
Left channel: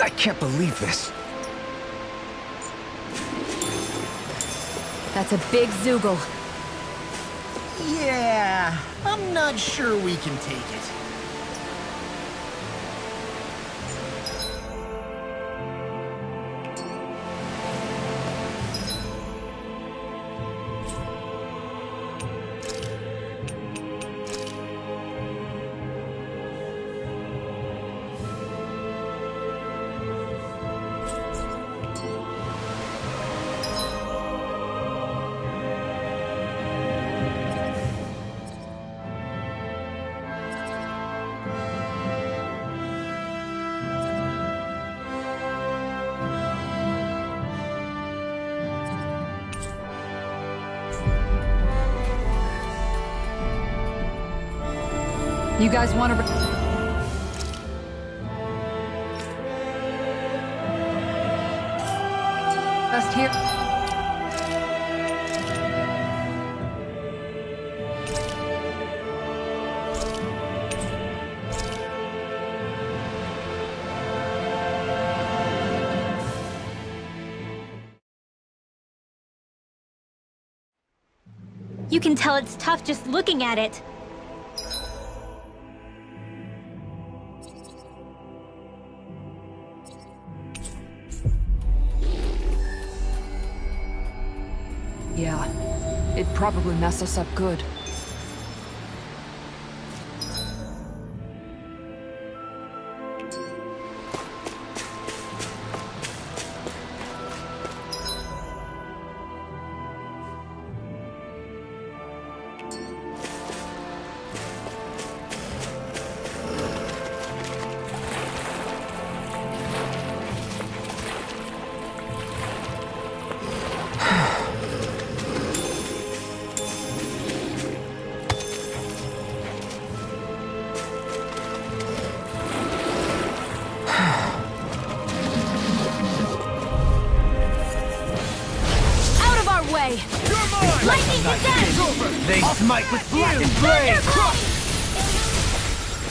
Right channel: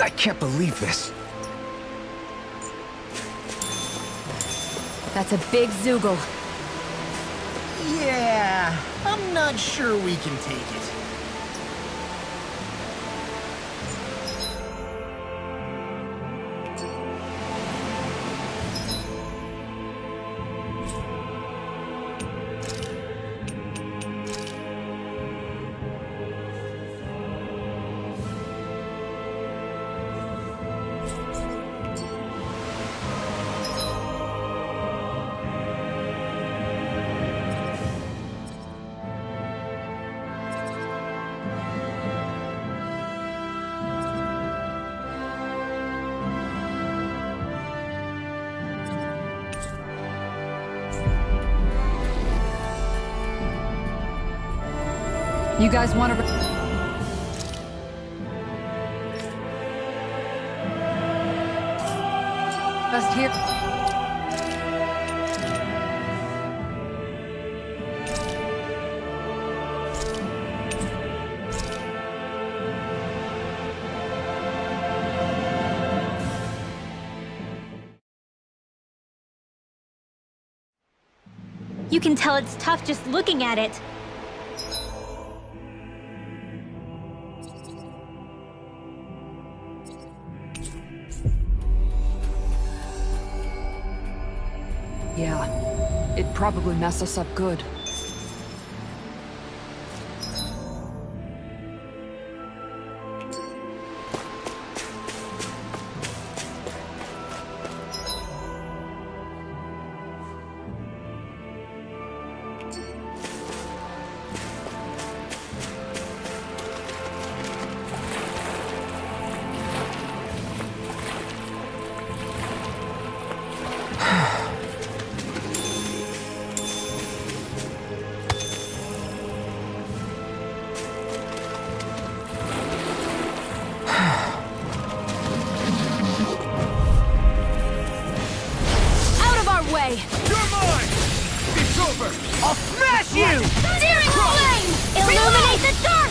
I can't believe this. That's a big Zoogle. Yeah, I'm not sure we can take it. You guys want to... Rest here? You can tell it's tough just looking at it. Yeah. It'd probably mess us up good. Way. You're mine! Off my reflected blade! Illuminate the dark!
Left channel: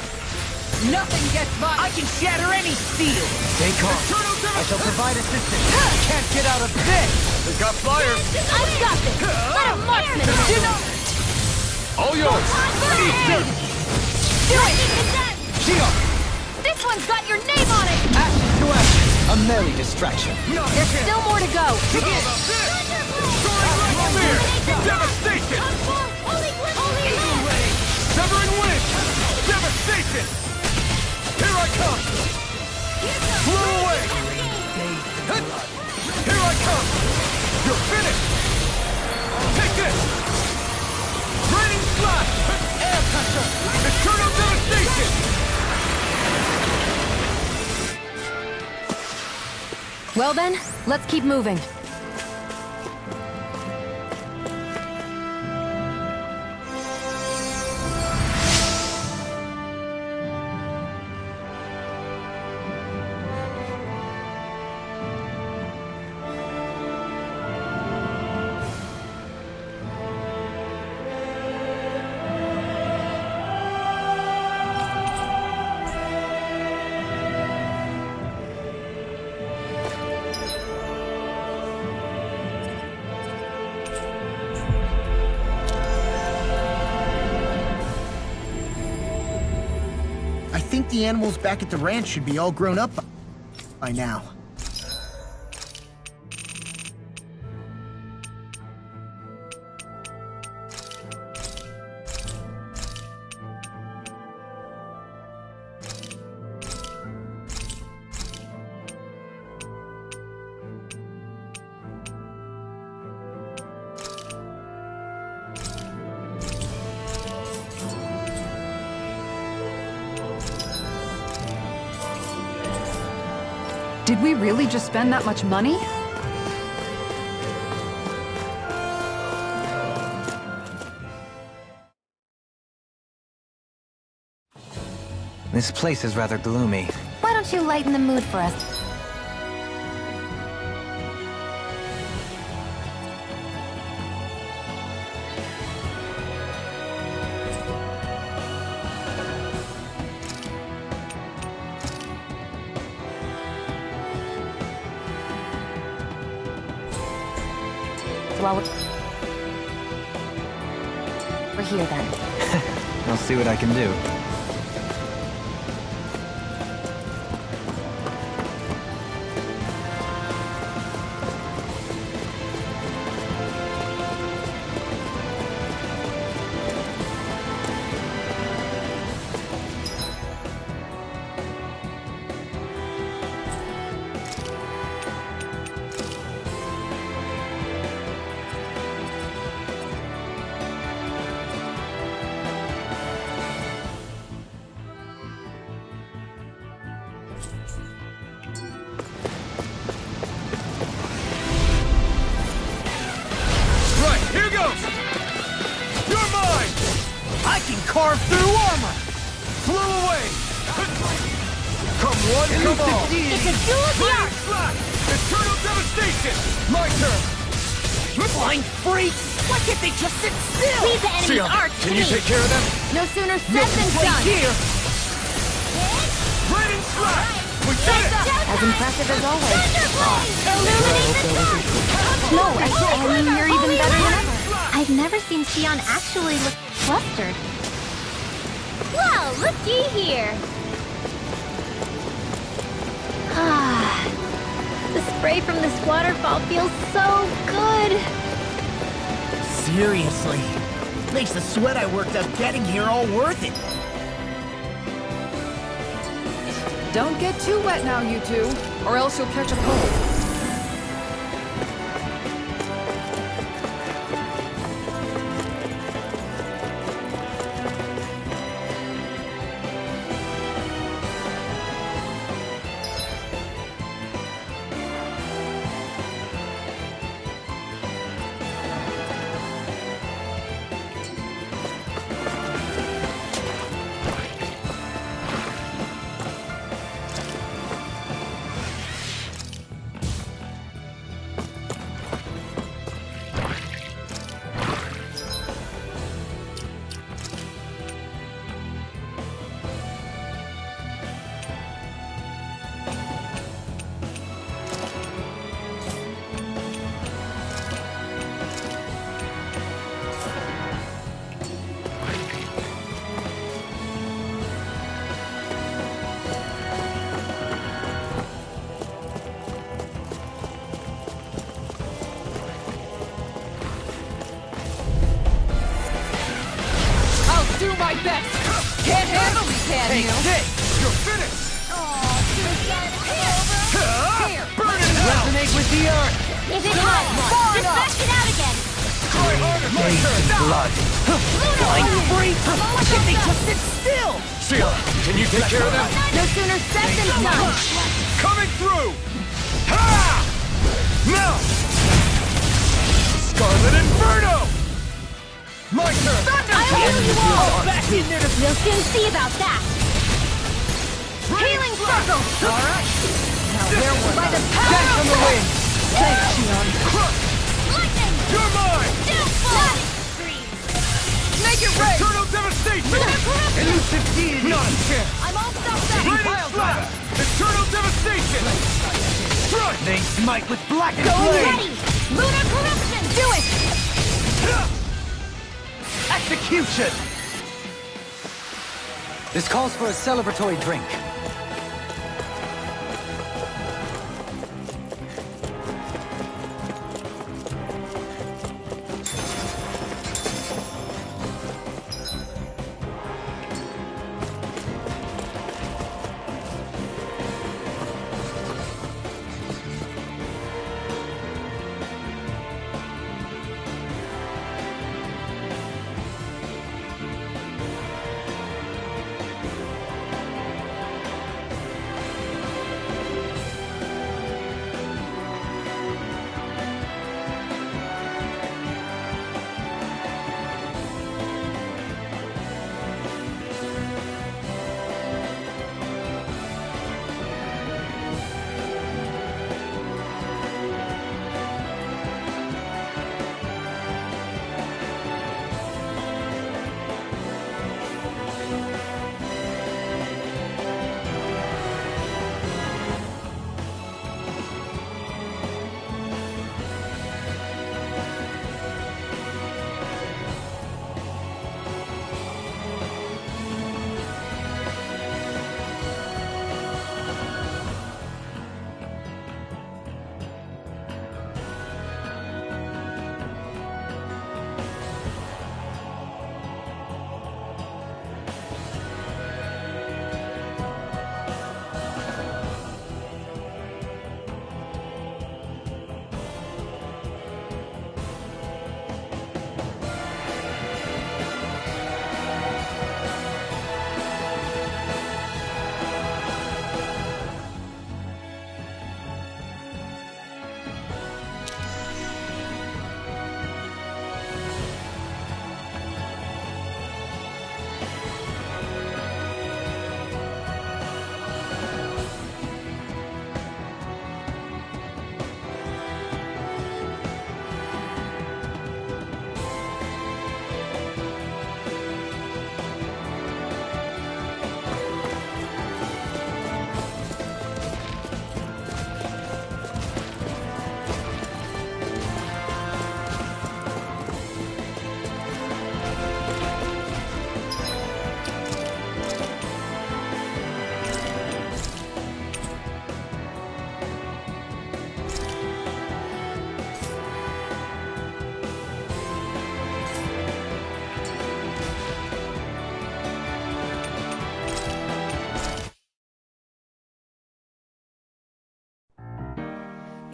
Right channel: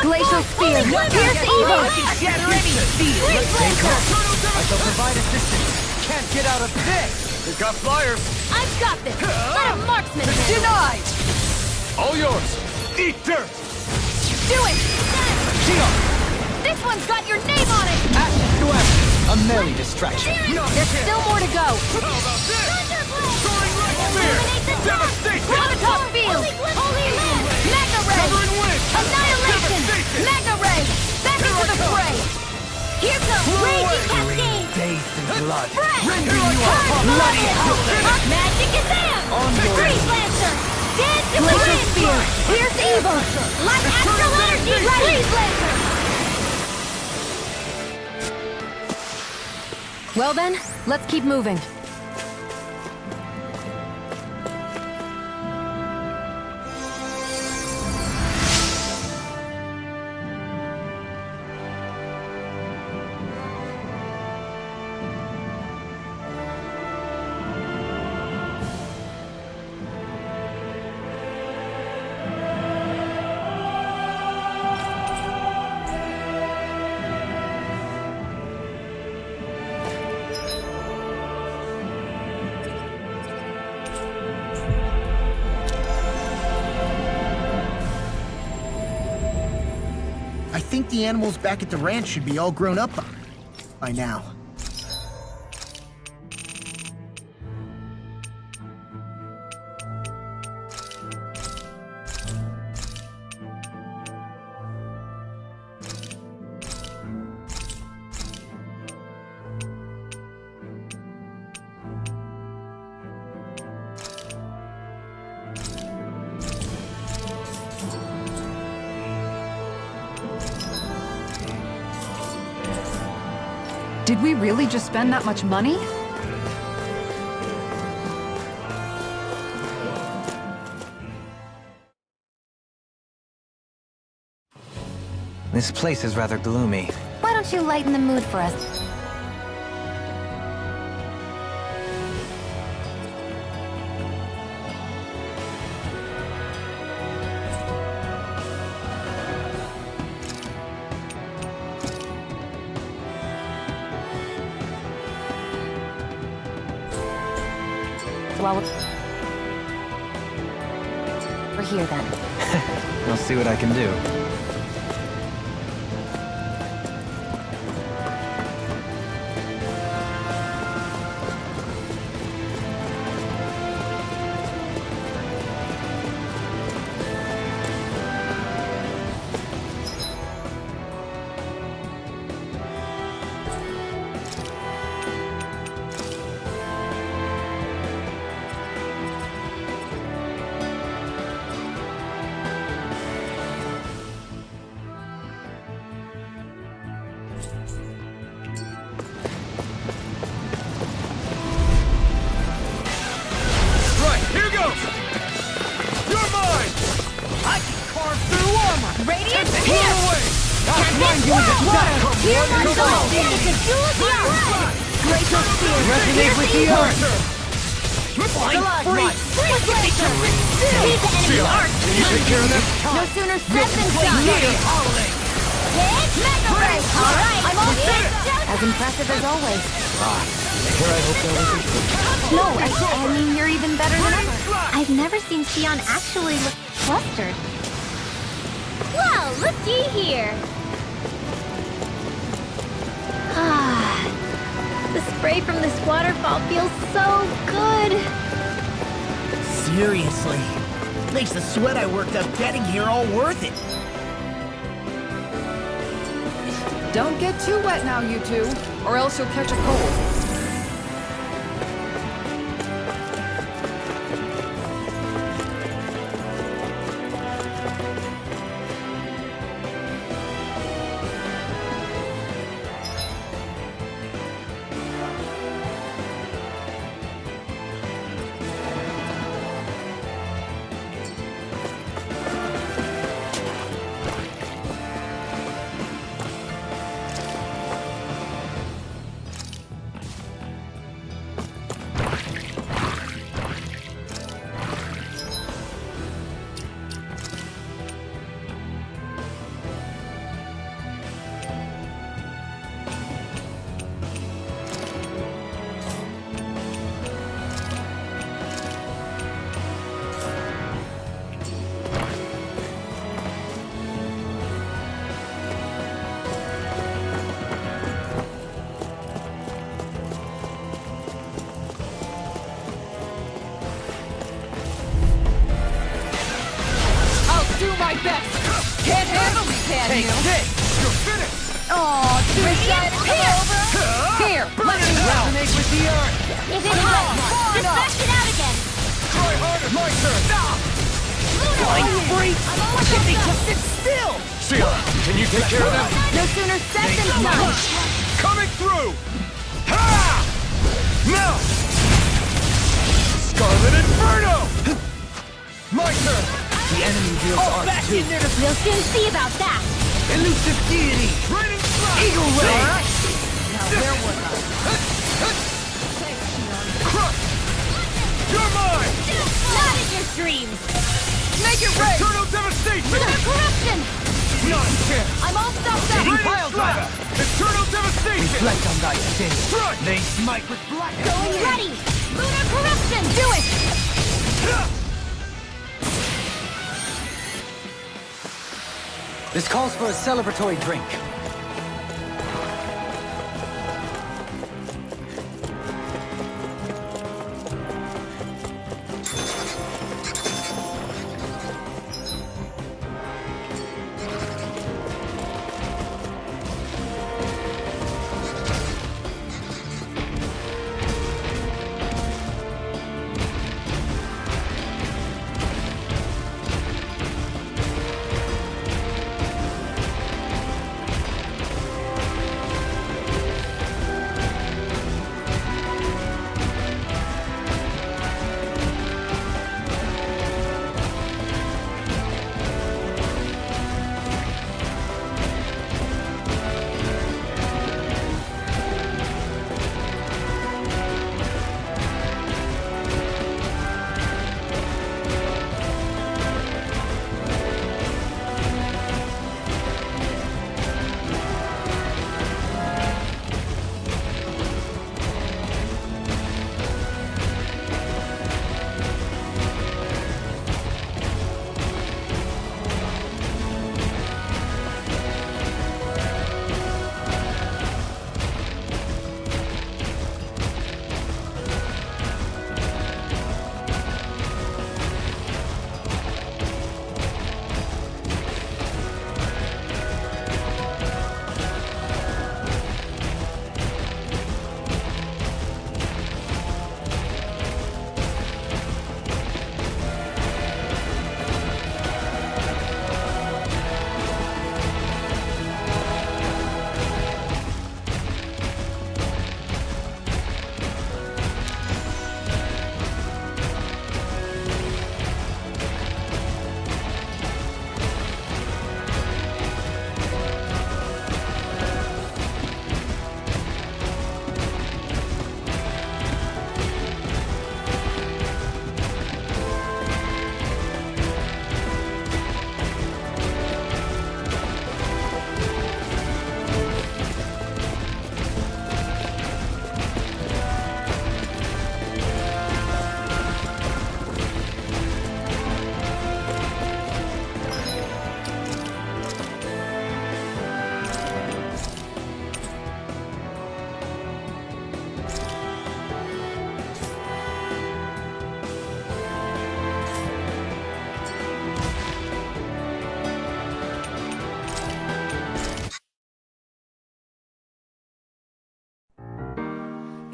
Glacial Spear! Nothing gets by! I can shatter any field! Stay calm. I shall provide assistance. Can't get out of this! They got flyers! I've got this! Let a marksman in! Denied! All yours! Eat dirt! Do it! Shield! This one's got your name on it! Ashes to ashes! A merry distraction. There's still more to go! How about this? Soaring like a spear! Devastation! Severing wind! Devastation! Here I come! Here comes Blow Raging away! Cascade! Bathed in blood. Here I come! You're finished! Magic is out! Take this! Burning flash! Here's evil! Like Eternal Axel devastation! Well then, let's keep moving. I think the animals back at the ranch should be all grown up by now. Did we really just spend that much money? This place is rather gloomy. Why don't you lighten the mood for us? Well, we're here then. I'll see what I can do. Right, here goes! You're mine! I can carve through armor! Blow away! Come one, come all! It's a duel of the arts! Eternal devastation! My turn! Blind freak! What if they just sit still? Leave the enemy Seal, arc can you take care of them? No sooner said than Play done! here! We did it! As impressive as always. No, I mean, you're even better than ever. I've never seen Xion actually look flustered. Well, looky here. Ah, the spray from this waterfall feels so good. Seriously. Makes the sweat I worked up getting here all worth it. Don't get too wet now, you two, or else you'll catch a cold. my best! Can't handle me, can Take you? this! You're finished! Aw, too shy to come over? Here, Burn it out! Resonate with the earth! If it has, just smash it out again! Try harder! My turn! Flying freak! Why can't they just sit still? Sheila, can you take care of them? No sooner said than done! Coming through! Ha! Now! Scarlet Inferno! My turn! The enemy wields art too. We'll soon see about that! Elusive deity! Raining Blast! Alright. Now there was a Thanks, Shion. Crush! You're mine! Not in your dreams! Make it rain! Eternal Devastation! Lunar corruption! Not a chance! I'm all stuffed up! Raining Slaughter! Eternal Devastation! Like on thy sin. Strike! They smite with black Going flame. ready! Lunar corruption! Do it! Execution! This calls for a celebratory drink.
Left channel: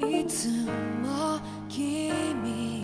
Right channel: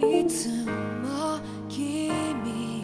いつも君